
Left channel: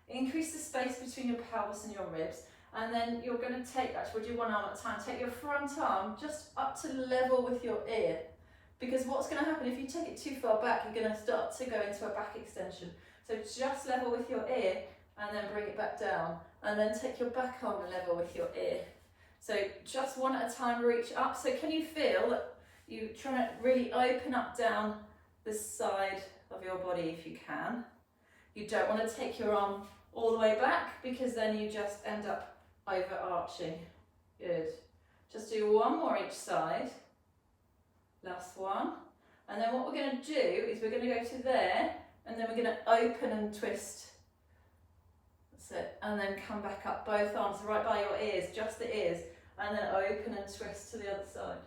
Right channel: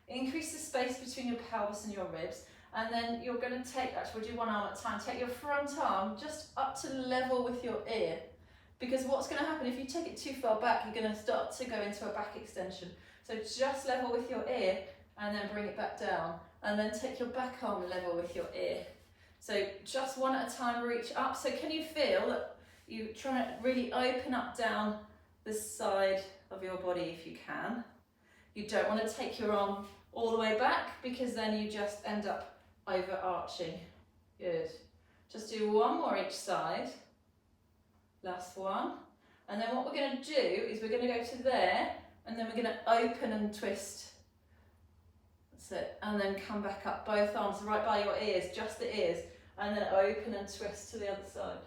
Increase the space between your pelvis and your ribs. And then you're going to take, actually we'll do 1 arm at a time, take your front arm just up to level with your ear. Because what's going to happen if you take it too far back, you're going to start to go into a back extension. So just level with your ear and then bring it back down. And then take your back arm and level with your ear. So just 1 at a time, reach up. So can you feel that you're trying to really open up down the side of your body if you can. You don't want to take your arm all the way back because then you just end up overarching. Good. Just do 1 more each side. Last one. And then what we're going to do is we're going to go to there and then we're going to open and twist. That's it. And then come back up, both arms right by your ears, just the ears. And then open and twist to the other side.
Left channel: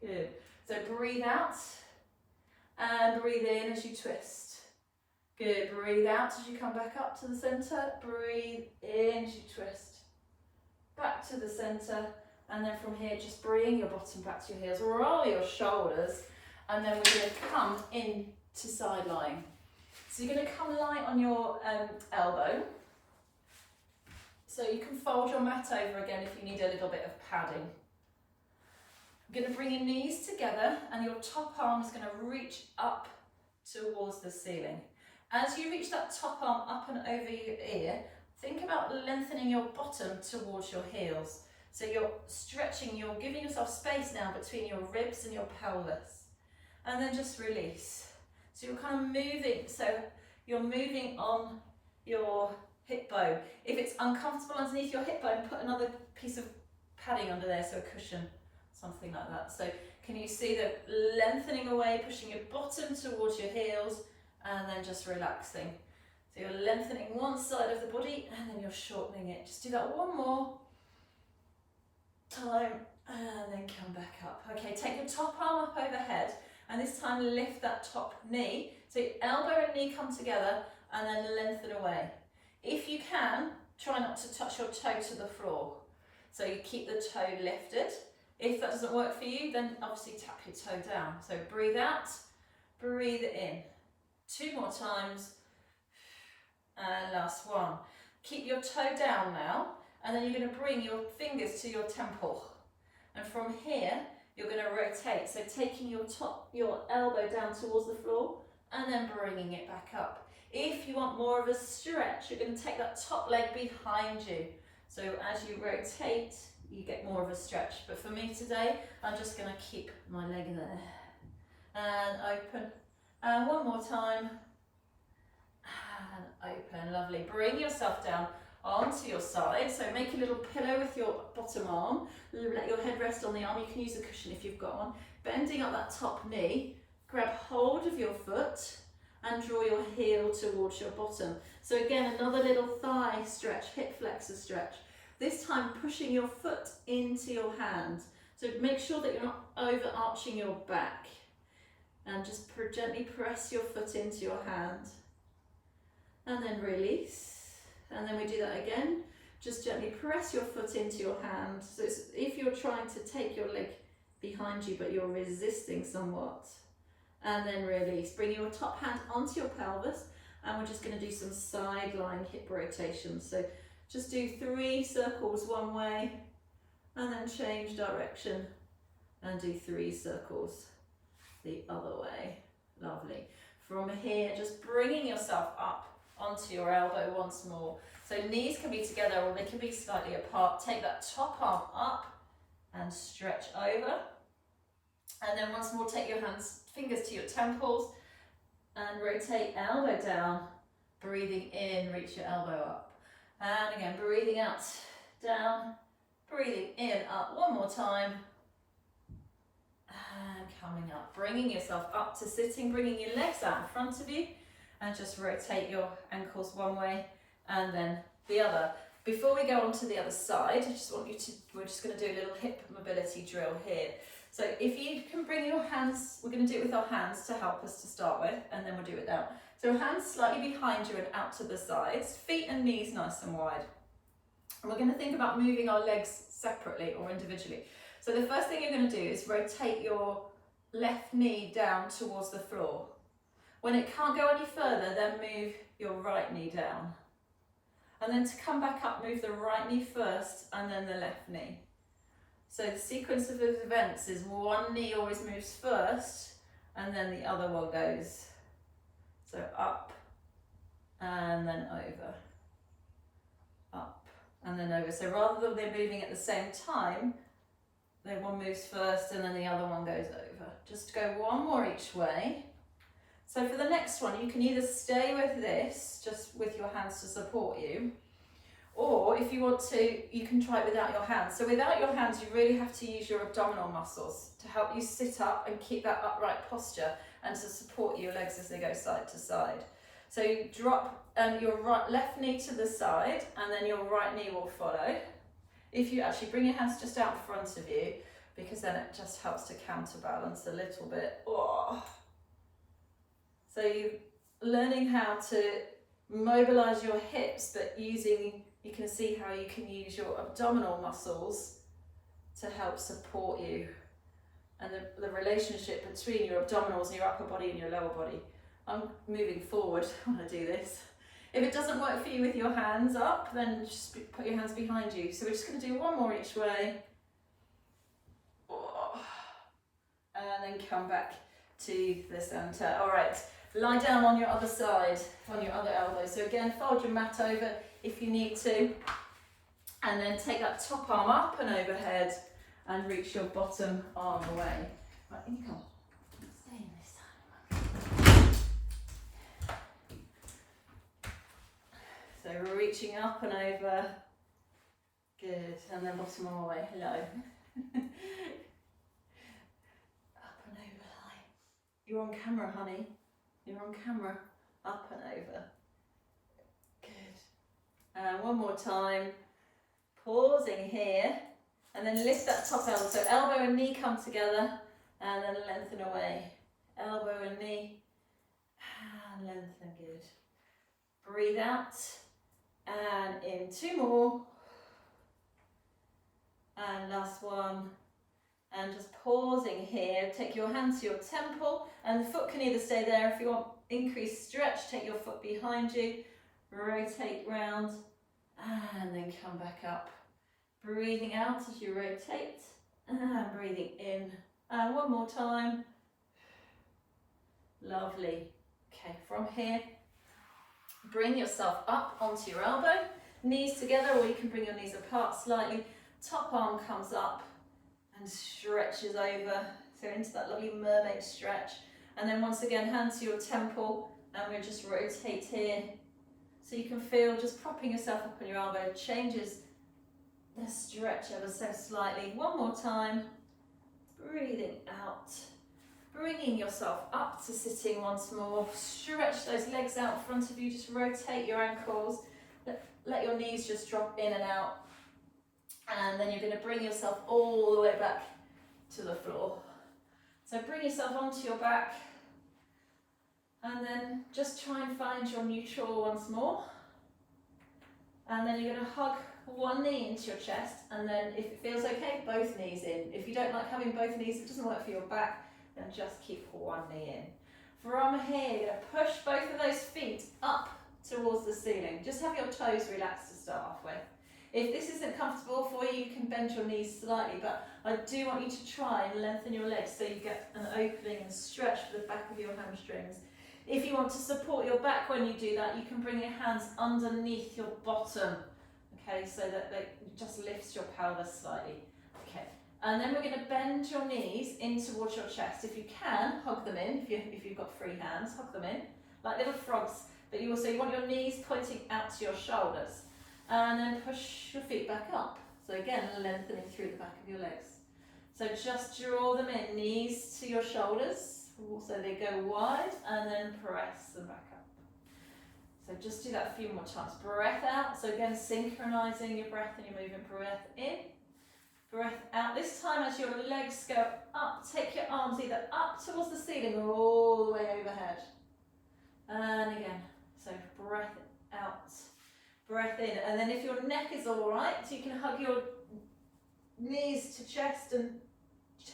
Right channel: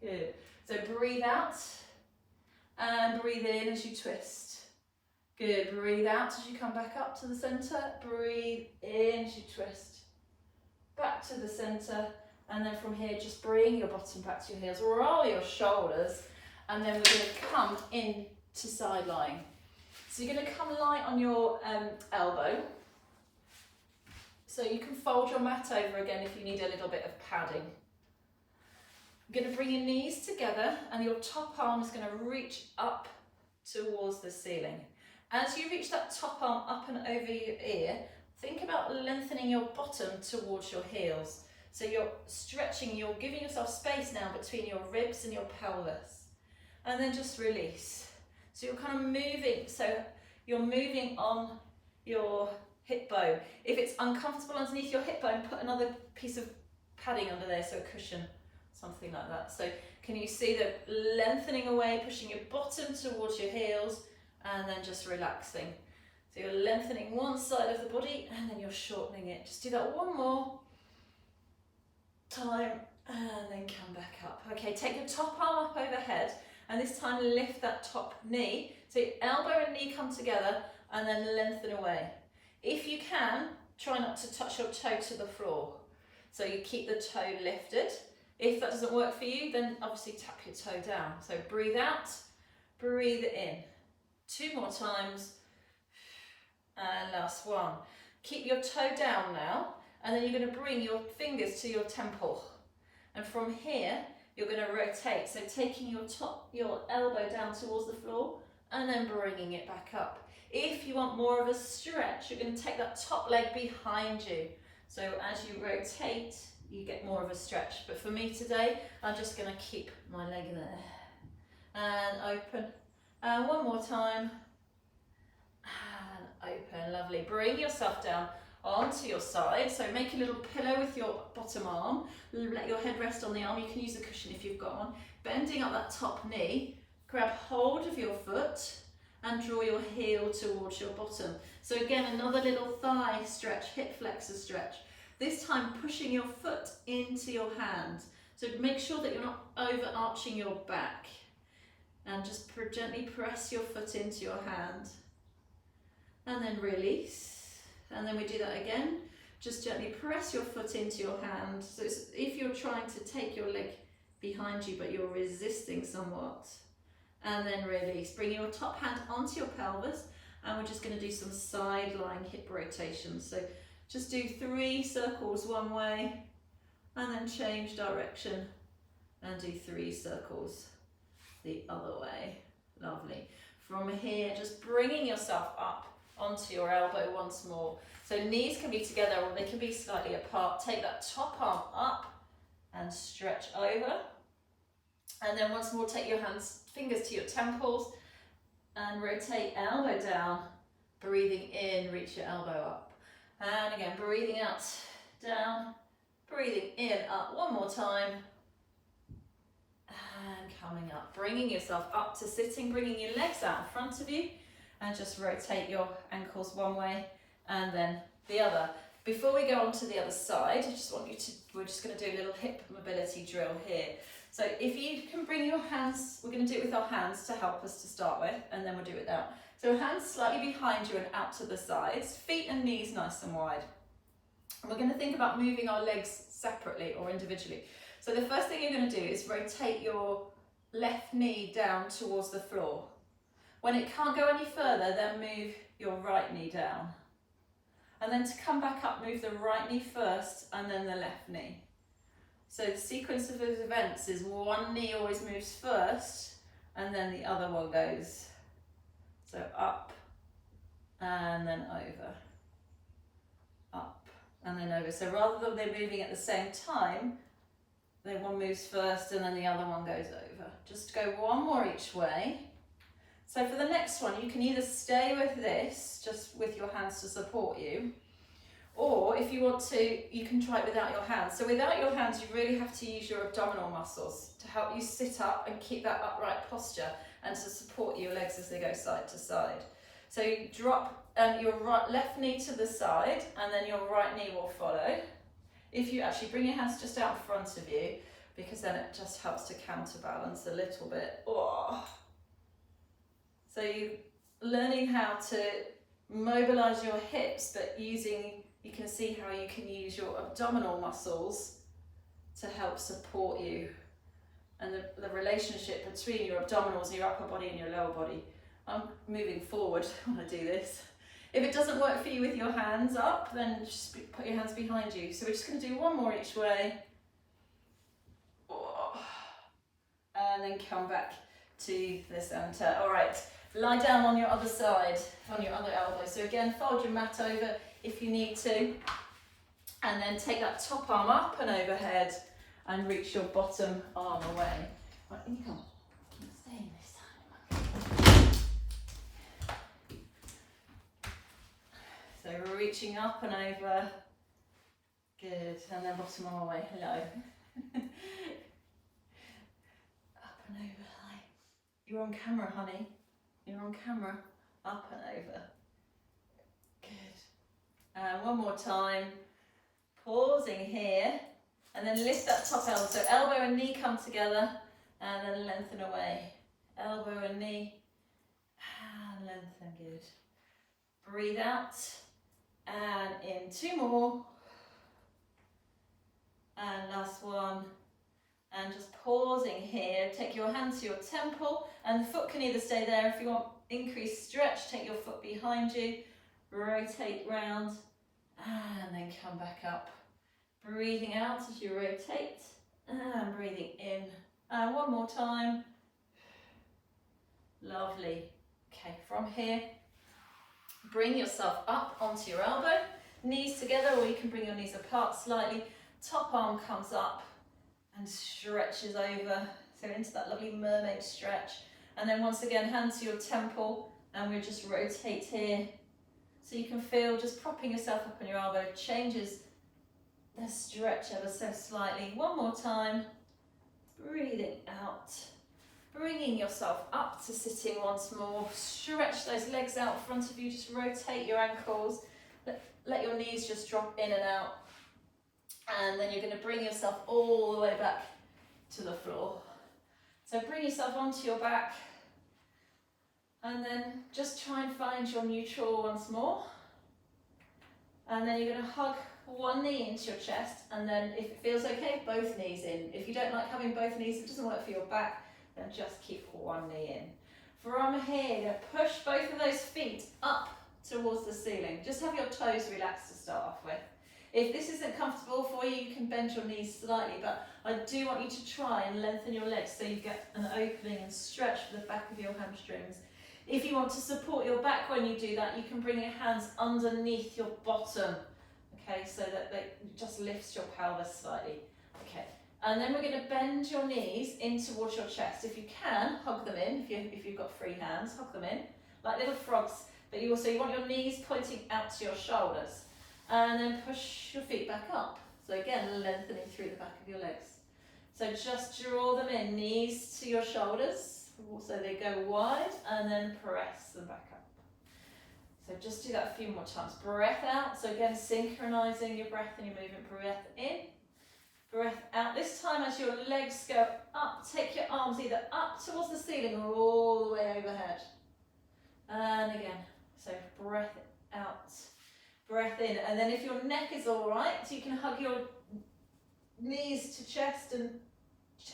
Good. So breathe out and breathe in as you twist. Good. Breathe out as you come back up to the centre. Breathe in as you twist. Back to the centre. And then from here, just bring your bottom back to your heels. Roll your shoulders. And then we're going to come into side lying. So you're going to come light on your elbow. So you can fold your mat over again if you need a little bit of padding. You're going to bring your knees together and your top arm is going to reach up towards the ceiling. As you reach that top arm up and over your ear, think about lengthening your bottom towards your heels. So you're stretching, you're giving yourself space now between your ribs and your pelvis. And then just release. So you're kind of moving, so you're moving on your hip bone. If it's uncomfortable underneath your hip bone, put another piece of padding under there, so a cushion, something like that. So can you see the lengthening away, pushing your bottom towards your heels, and then just relaxing. So you're lengthening one side of the body and then you're shortening it. Just do that one more time and then come back up. Okay, take your top arm up overhead and this time lift that top knee. So elbow and knee come together and then lengthen away. If you can, try not to touch your toe to the floor. So you keep the toe lifted. If that doesn't work for you, then obviously tap your toe down. So breathe out, breathe in. 2 more times. And last one. Keep your toe down now, and then you're going to bring your fingers to your temple. And from here, you're going to rotate. So taking your elbow down towards the floor, and then bringing it back up. If you want more of a stretch, you're going to take that top leg behind you. So as you rotate, you get more of a stretch. But for me today, I'm just going to keep my leg there. And open. And one more time. And open. Lovely. Bring yourself down onto your side. So make a little pillow with your bottom arm. Let your head rest on the arm. You can use a cushion if you've got one. Bending up that top knee. Grab hold of your foot and draw your heel towards your bottom. So again, another little thigh stretch, hip flexor stretch. This time pushing your foot into your hand. So make sure that you're not overarching your back. And just gently press your foot into your hand. And then release. And then we do that again. Just gently press your foot into your hand. So if you're trying to take your leg behind you, but you're resisting somewhat. And then release. Bring your top hand onto your pelvis. And we're just going to do some sideline hip rotations. So just do 3 circles one way. And then change direction. And do 3 circles the other way. Lovely. From here, just bringing yourself up onto your elbow once more. So knees can be together or they can be slightly apart. Take that top arm up and stretch over. And then once more, take your fingers to your temples and rotate elbow down. Breathing in, reach your elbow up. And again, breathing out, down, breathing in, up. One more time. And coming up, bringing yourself up to sitting, bringing your legs out in front of you and just rotate your ankles one way and then the other. Before we go on to the other side, I just want you to, we're just going to do a little hip mobility drill here. So if you can bring your hands, we're going to do it with our hands to help us to start with, and then we'll do it down. So hands slightly behind you and out to the sides, feet and knees nice and wide. And we're going to think about moving our legs separately or individually. So the first thing you're going to do is rotate your left knee down towards the floor. When it can't go any further, then move your right knee down. And then to come back up, move the right knee first and then the left knee. So the sequence of events is one knee always moves first and then the other one goes. So up and then over. Up and then over. So rather than they're moving at the same time, one moves first and then the other one goes over. Just go one more each way. So for the next one, you can either stay with this, just with your hands to support you, or if you want to, you can try it without your hands. So without your hands, you really have to use your abdominal muscles to help you sit up and keep that upright posture and to support your legs as they go side to side. So you drop your left knee to the side and then your right knee will follow. If you actually bring your hands just out in front of you, because then it just helps to counterbalance a little bit. Oh. So you're learning how to mobilize your hips, but you can see how you can use your abdominal muscles to help support you. And the relationship between your abdominals, your upper body and your lower body. I'm moving forward when I do this. If it doesn't work for you with your hands up, then just put your hands behind you. So we're just going to do one more each way. And then come back to the center. All right, Lie down on your other side, on your other elbow. So again, fold your mat over if you need to. And then take that top arm up and overhead and reach your bottom arm away. Right, you go. Stay in this side. So we're reaching up and over. Good. And then bottom arm away. Hello. Up and over. Hi. You're on camera, honey. You're on camera. Up and over. Good. And one more time. Pausing here. And then lift that top elbow. So elbow and knee come together. And then lengthen away. Elbow and knee. And lengthen. Good. Breathe out. And in 2 more. And last one. And just pausing here. Take your hand to your temple. And the foot can either stay there. If you want increased stretch, take your foot behind you. Rotate round. And then come back up. Breathing out as you rotate. And breathing in. And one more time. Lovely. Okay, from here, bring yourself up onto your elbow. Knees together, or you can bring your knees apart slightly. Top arm comes up and stretches over. So into that lovely mermaid stretch. And then once again, hand to your temple. And we'll just rotate here. So you can feel just propping yourself up on your elbow changes the stretch ever so slightly. One more time. Breathing out. Bringing yourself up to sitting once more. Stretch those legs out in front of you. Just rotate your ankles. Let your knees just drop in and out. And then you're going to bring yourself all the way back to the floor. So bring yourself onto your back. And then just try and find your neutral once more. And then you're going to hug one knee into your chest. And then if it feels okay, both knees in. If you don't like having both knees, it doesn't work for your back, then just keep one knee in. From here, you're going to push both of those feet up towards the ceiling. Just have your toes relaxed to start off with. If this isn't comfortable for you, you can bend your knees slightly, but I do want you to try and lengthen your legs so you get an opening and stretch for the back of your hamstrings. If you want to support your back when you do that, you can bring your hands underneath your bottom, okay, so that they just lifts your pelvis slightly. Okay, and then we're going to bend your knees in towards your chest. If you can, hug them in. If you've got free hands, hug them in, like little frogs. But you want your knees pointing out to your shoulders. And then push your feet back up. So again, lengthening through the back of your legs. So just draw them in, knees to your shoulders. So they go wide, and then press them back up. So just do that a few more times. Breath out. So again, synchronizing your breath and your movement. Breath in, breath out. This time as your legs go up, take your arms either up towards the ceiling or all the way overhead. And again, so breath out. Breath in, and then if your neck is all right, you can hug your knees to chest and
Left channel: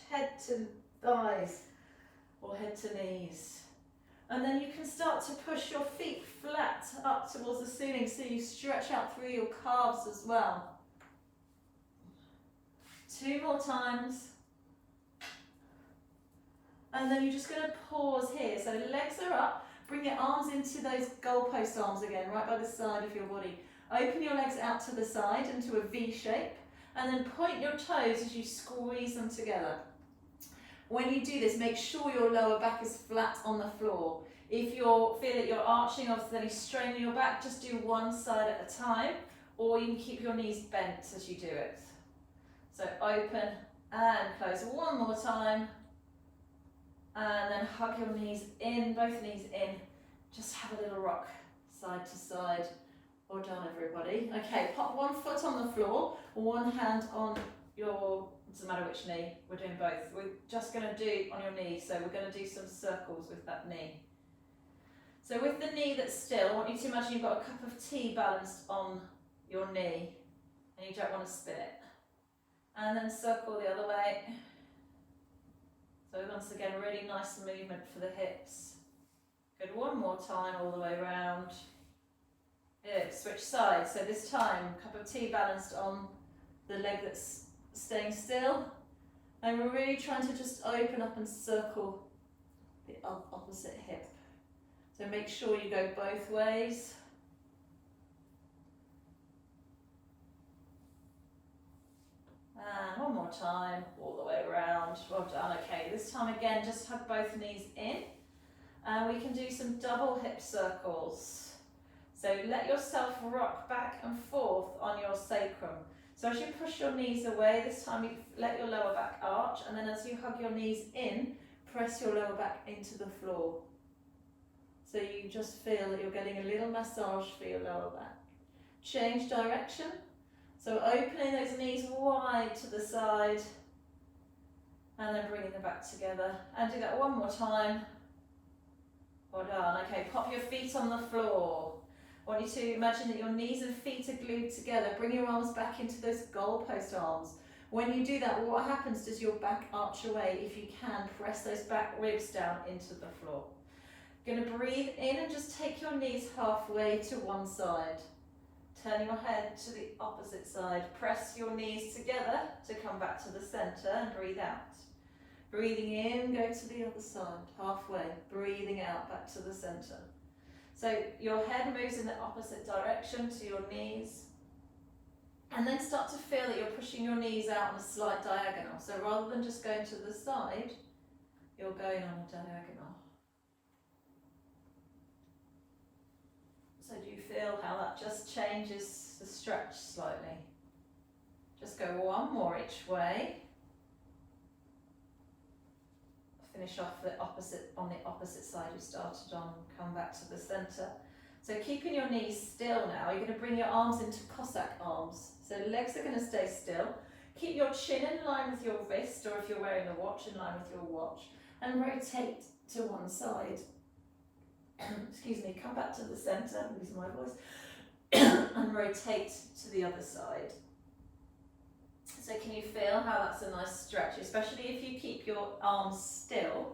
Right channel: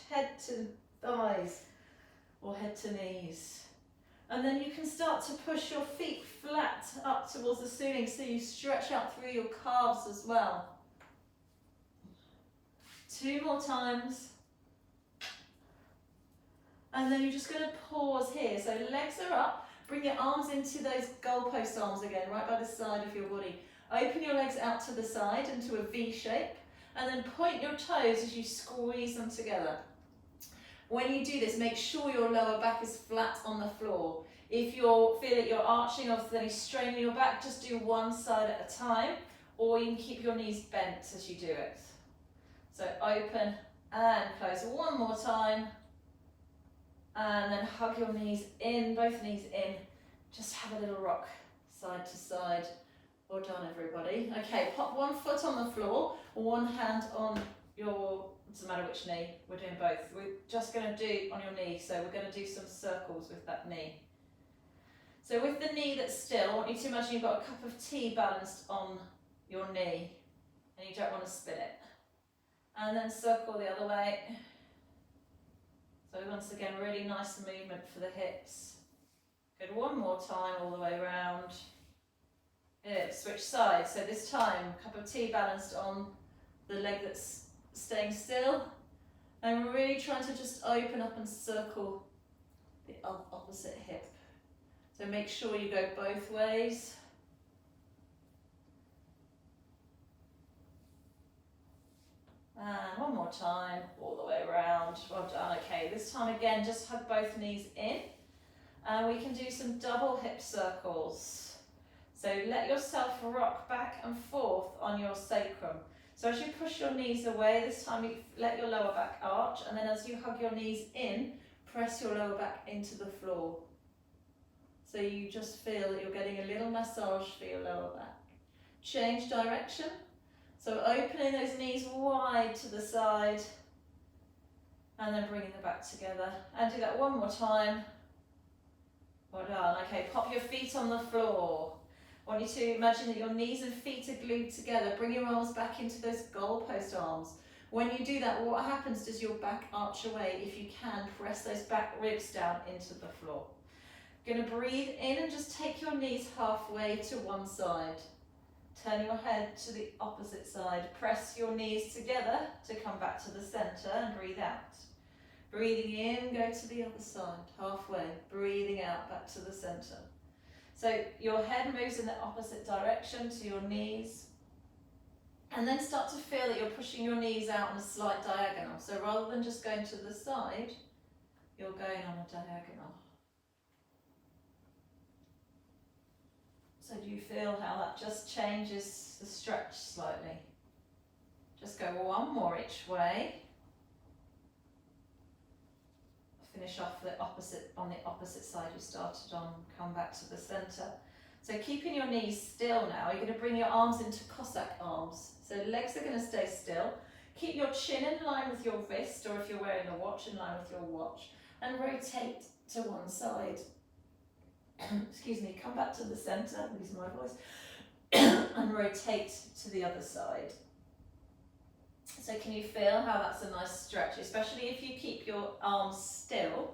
head to thighs or head to knees. And then you can start to push your feet flat up towards the ceiling so you stretch out through your calves as well. 2 more times. And then you're just going to pause here. So legs are up. Bring your arms into those goalpost arms again, right by the side of your body. Open your legs out to the side into a V shape, and then point your toes as you squeeze them together. When you do this, make sure your lower back is flat on the floor. If you feel that you're arching or there's any strain in your back, just do one side at a time, or you can keep your knees bent as you do it. So open and close one more time. And then hug your knees in, both knees in. Just have a little rock side to side. Well done, everybody. Okay, pop one foot on the floor, one hand on your, doesn't matter which knee, we're doing both. We're just going to do on your knee, so we're going to do some circles with that knee. So with the knee that's still, I want you to imagine you've got a cup of tea balanced on your knee, and you don't want to spin it. And then circle the other way. So once again, really nice movement for the hips. Good, one more time all the way around. Good, switch sides. So this time, cup of tea balanced on the leg that's staying still. And we're really trying to just open up and circle the opposite hip. So make sure you go both ways. And one more time, all the way around. Well done. Okay, this time again, just hug both knees in. And we can do some double hip circles. So let yourself rock back and forth on your sacrum. So as you push your knees away, this time you let your lower back arch, and then as you hug your knees in, press your lower back into the floor. So you just feel that you're getting a little massage for your lower back. Change direction. So opening those knees wide to the side, and then bringing them back together. And do that one more time. Well done. Okay, pop your feet on the floor. I want you to imagine that your knees and feet are glued together. Bring your arms back into those goalpost arms. When you do that, what happens is your back arch away. If you can, press those back ribs down into the floor. You're going to breathe in and just take your knees halfway to one side. Turn your head to the opposite side. Press your knees together to come back to the center and breathe out. Breathing in, go to the other side, halfway. Breathing out, back to the center. So your head moves in the opposite direction to your knees. And then start to feel that you're pushing your knees out on a slight diagonal. So rather than just going to the side, you're going on a diagonal. So do you feel how that just changes the stretch slightly? Just go one more each way. Finish off on the opposite side you started on, come back to the center. So keeping your knees still now, you're going to bring your arms into Cossack arms. So legs are going to stay still. Keep your chin in line with your wrist, or if you're wearing a watch, in line with your watch, and rotate to one side. Excuse me, come back to the center, lose my voice, and rotate to the other side. So can you feel how that's a nice stretch, especially if you keep your arms still?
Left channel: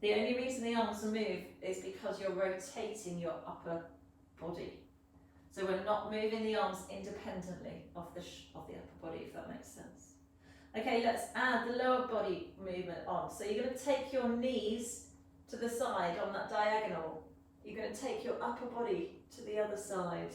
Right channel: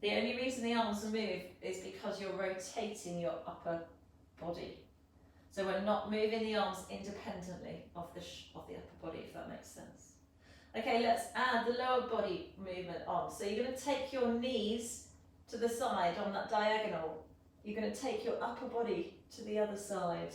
The only reason the arms move is because you're rotating your upper body. So we're not moving the arms independently of the upper body, if that makes sense. Okay, let's add the lower body movement on. So you're going to take your knees to the side on that diagonal. You're going to take your upper body to the other side.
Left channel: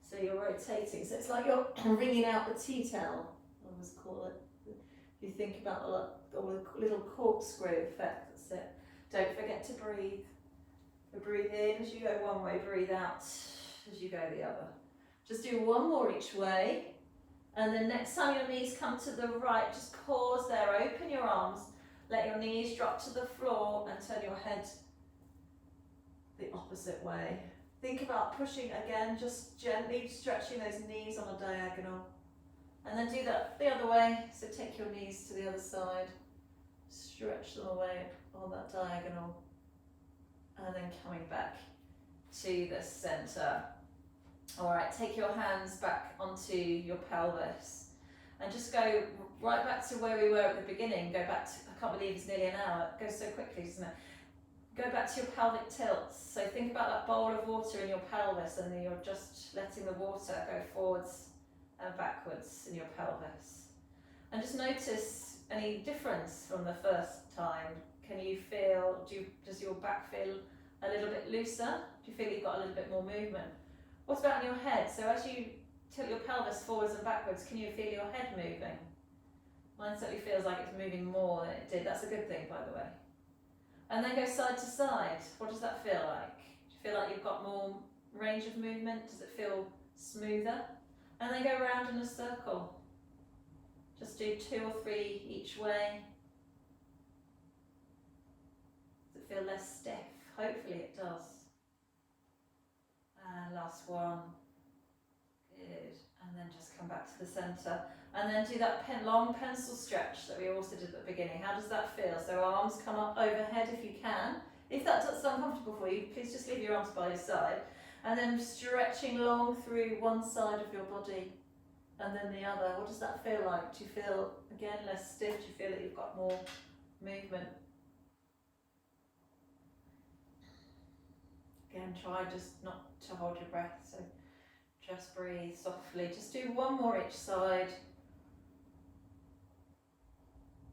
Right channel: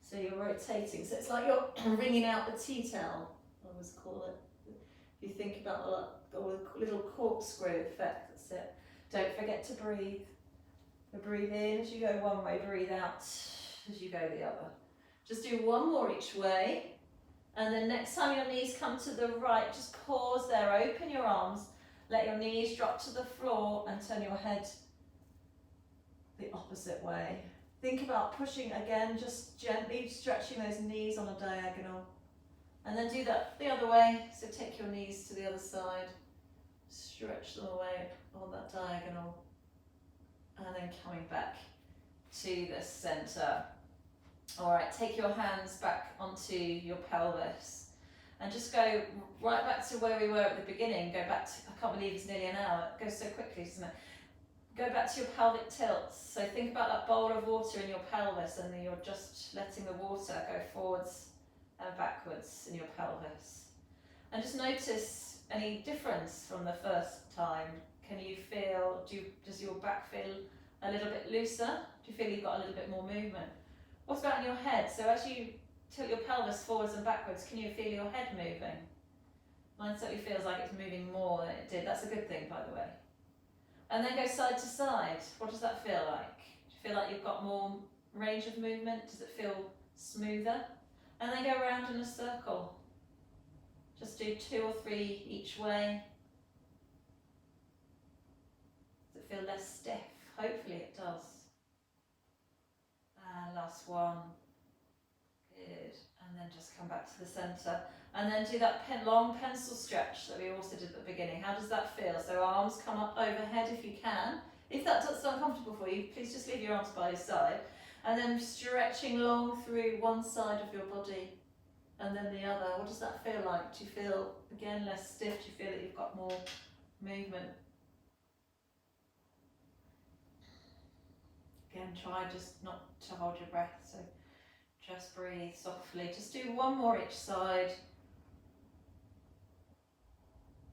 So you're rotating. So it's like you're wringing out a tea towel. I always call it. If you think about the little corkscrew effect, that's it. Don't forget to breathe. So breathe in as you go one way, breathe out as you go the other. Just do one more each way. And then next time your knees come to the right, just pause there, open your arms, let your knees drop to the floor and turn your head the opposite way. Think about pushing again, just gently stretching those knees on a diagonal. And then do that the other way. So take your knees to the other side, stretch them away on that diagonal, and then coming back to the center. All right, take your hands back onto your pelvis and just go right back to where we were at the beginning. Go back to, I can't believe it's nearly an hour. It goes so quickly, doesn't it? Go back to your pelvic tilts. So think about that bowl of water in your pelvis, and then you're just letting the water go forwards and backwards in your pelvis. And just notice any difference from the first time. Can you feel, does your back feel a little bit looser? Do you feel you've got a little bit more movement? What about in your head? So as you tilt your pelvis forwards and backwards, can you feel your head moving? Mine certainly feels like it's moving more than it did. That's a good thing, by the way. And then go side to side. What does that feel like? Do you feel like you've got more range of movement? Does it feel smoother? And then go around in a circle. Just do 2 or 3 each way. Does it feel less stiff? Hopefully it does. And last one. Good. And then just come back to the center. And then do that long pencil stretch that we also did at the beginning. How does that feel? So arms come up overhead if you can. If that's uncomfortable for you, please just leave your arms by your side. And then stretching long through one side of your body and then the other. What does that feel like? Do you feel, again, less stiff? Do you feel that you've got more movement? Again, try just not to hold your breath, so just breathe softly. Just do one more each side.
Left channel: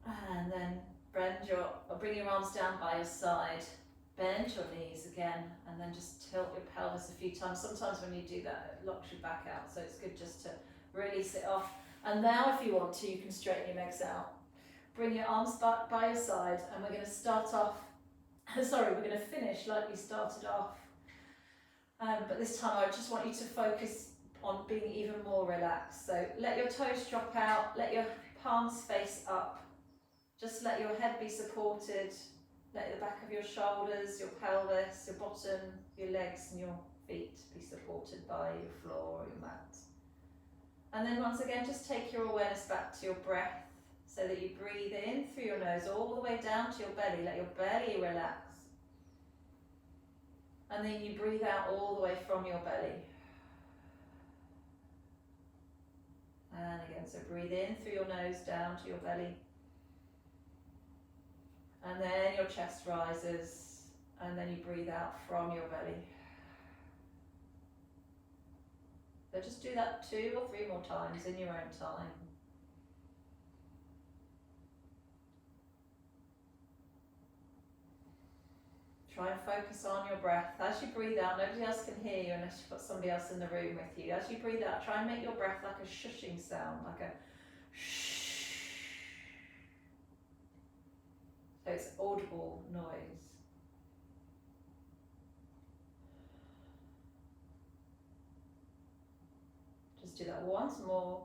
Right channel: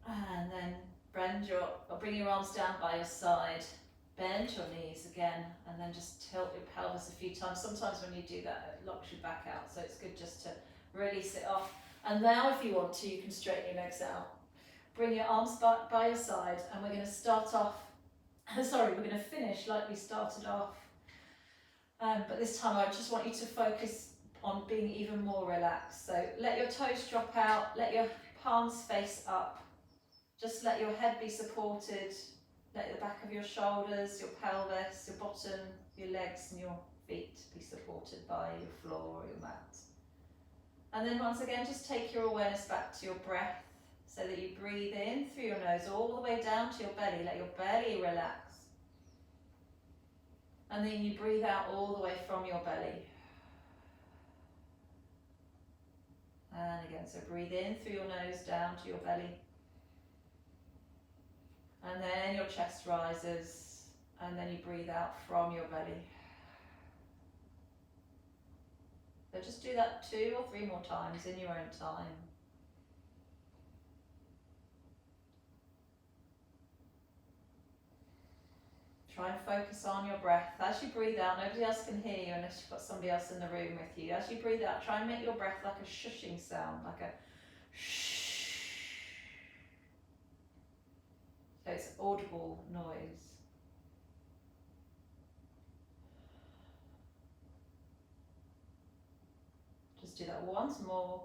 And then bring your arms down by your side. Bend your knees again, and then just tilt your pelvis a few times. Sometimes when you do that, it locks your back out, so it's good just to release it off. And now if you want to, you can straighten your legs out. Bring your arms back by your side, and we're going to start off, sorry, we're going to finish like we started off. But this time I just want you to focus on being even more relaxed. So let your toes drop out, let your palms face up. Just let your head be supported. Let the back of your shoulders, your pelvis, your bottom, your legs and your feet be supported by your floor or your mat. And then once again, just take your awareness back to your breath so that you breathe in through your nose all the way down to your belly. Let your belly relax. And then you breathe out all the way from your belly. And again, so breathe in through your nose down to your belly. And then your chest rises, and then you breathe out from your belly. So just do that 2 or 3 more times in your own time. Try and focus on your breath. As you breathe out, nobody else can hear you unless you've got somebody else in the room with you. As you breathe out, try and make your breath like a shushing sound, like a shh. So it's audible noise. Just do that once more.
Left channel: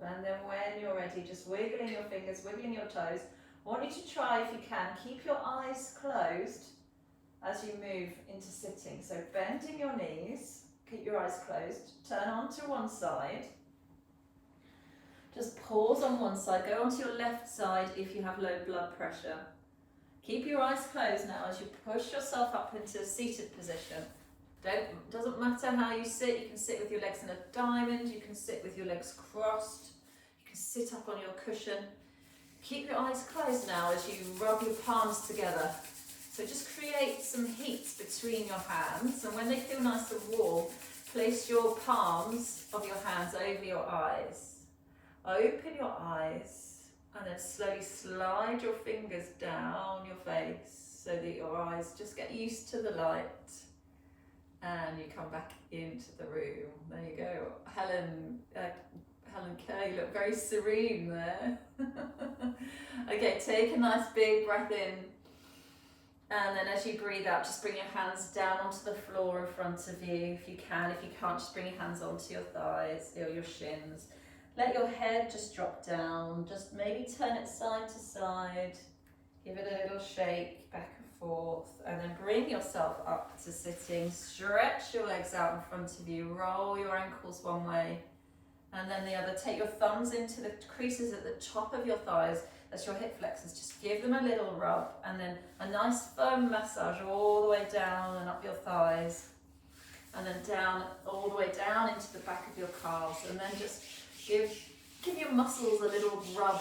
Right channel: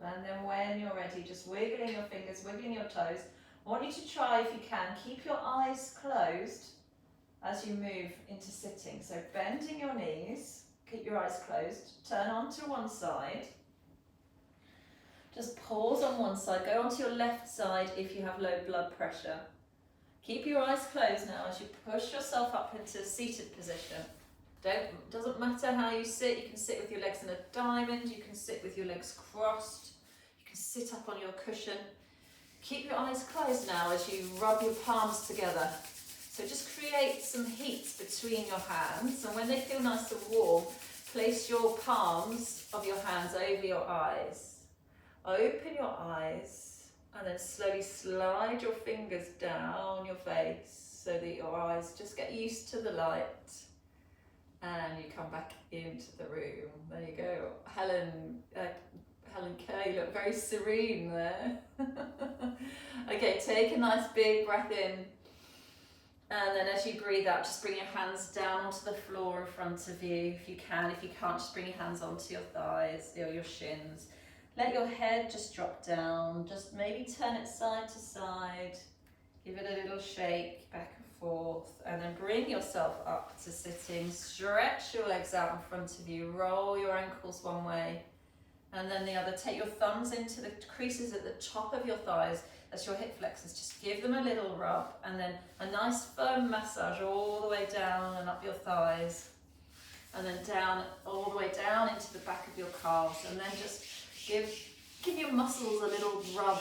And then when you're ready, just wiggling your fingers, wiggling your toes. I want you to try, if you can, keep your eyes closed as you move into sitting. So bending your knees, keep your eyes closed, turn onto one side. Just pause on one side, go onto your left side if you have low blood pressure. Keep your eyes closed now as you push yourself up into a seated position. Doesn't matter how you sit, you can sit with your legs in a diamond, you can sit with your legs crossed, you can sit up on your cushion. Keep your eyes closed now as you rub your palms together. So just create some heat between your hands, and when they feel nice and warm, place your palms of your hands over your eyes. Open your eyes and then slowly slide your fingers down your face so that your eyes just get used to the light. And you come back into the room. There you go. Helen Kerr, you look very serene there. Okay, take a nice big breath in. And then as you breathe out, just bring your hands down onto the floor in front of you if you can. If you can't, just bring your hands onto your thighs or your shins. Let your head just drop down. Just maybe turn it side to side. Give it a little shake back and forth, and then bring yourself up to sitting. Stretch your legs out in front of you. Roll your ankles one way and then the other. Take your thumbs into the creases at the top of your thighs. That's your hip flexors. Just give them a little rub, and then a nice firm massage all the way down and up your thighs, and then down, all the way down into the back of your calves, and then just give your muscles a little rub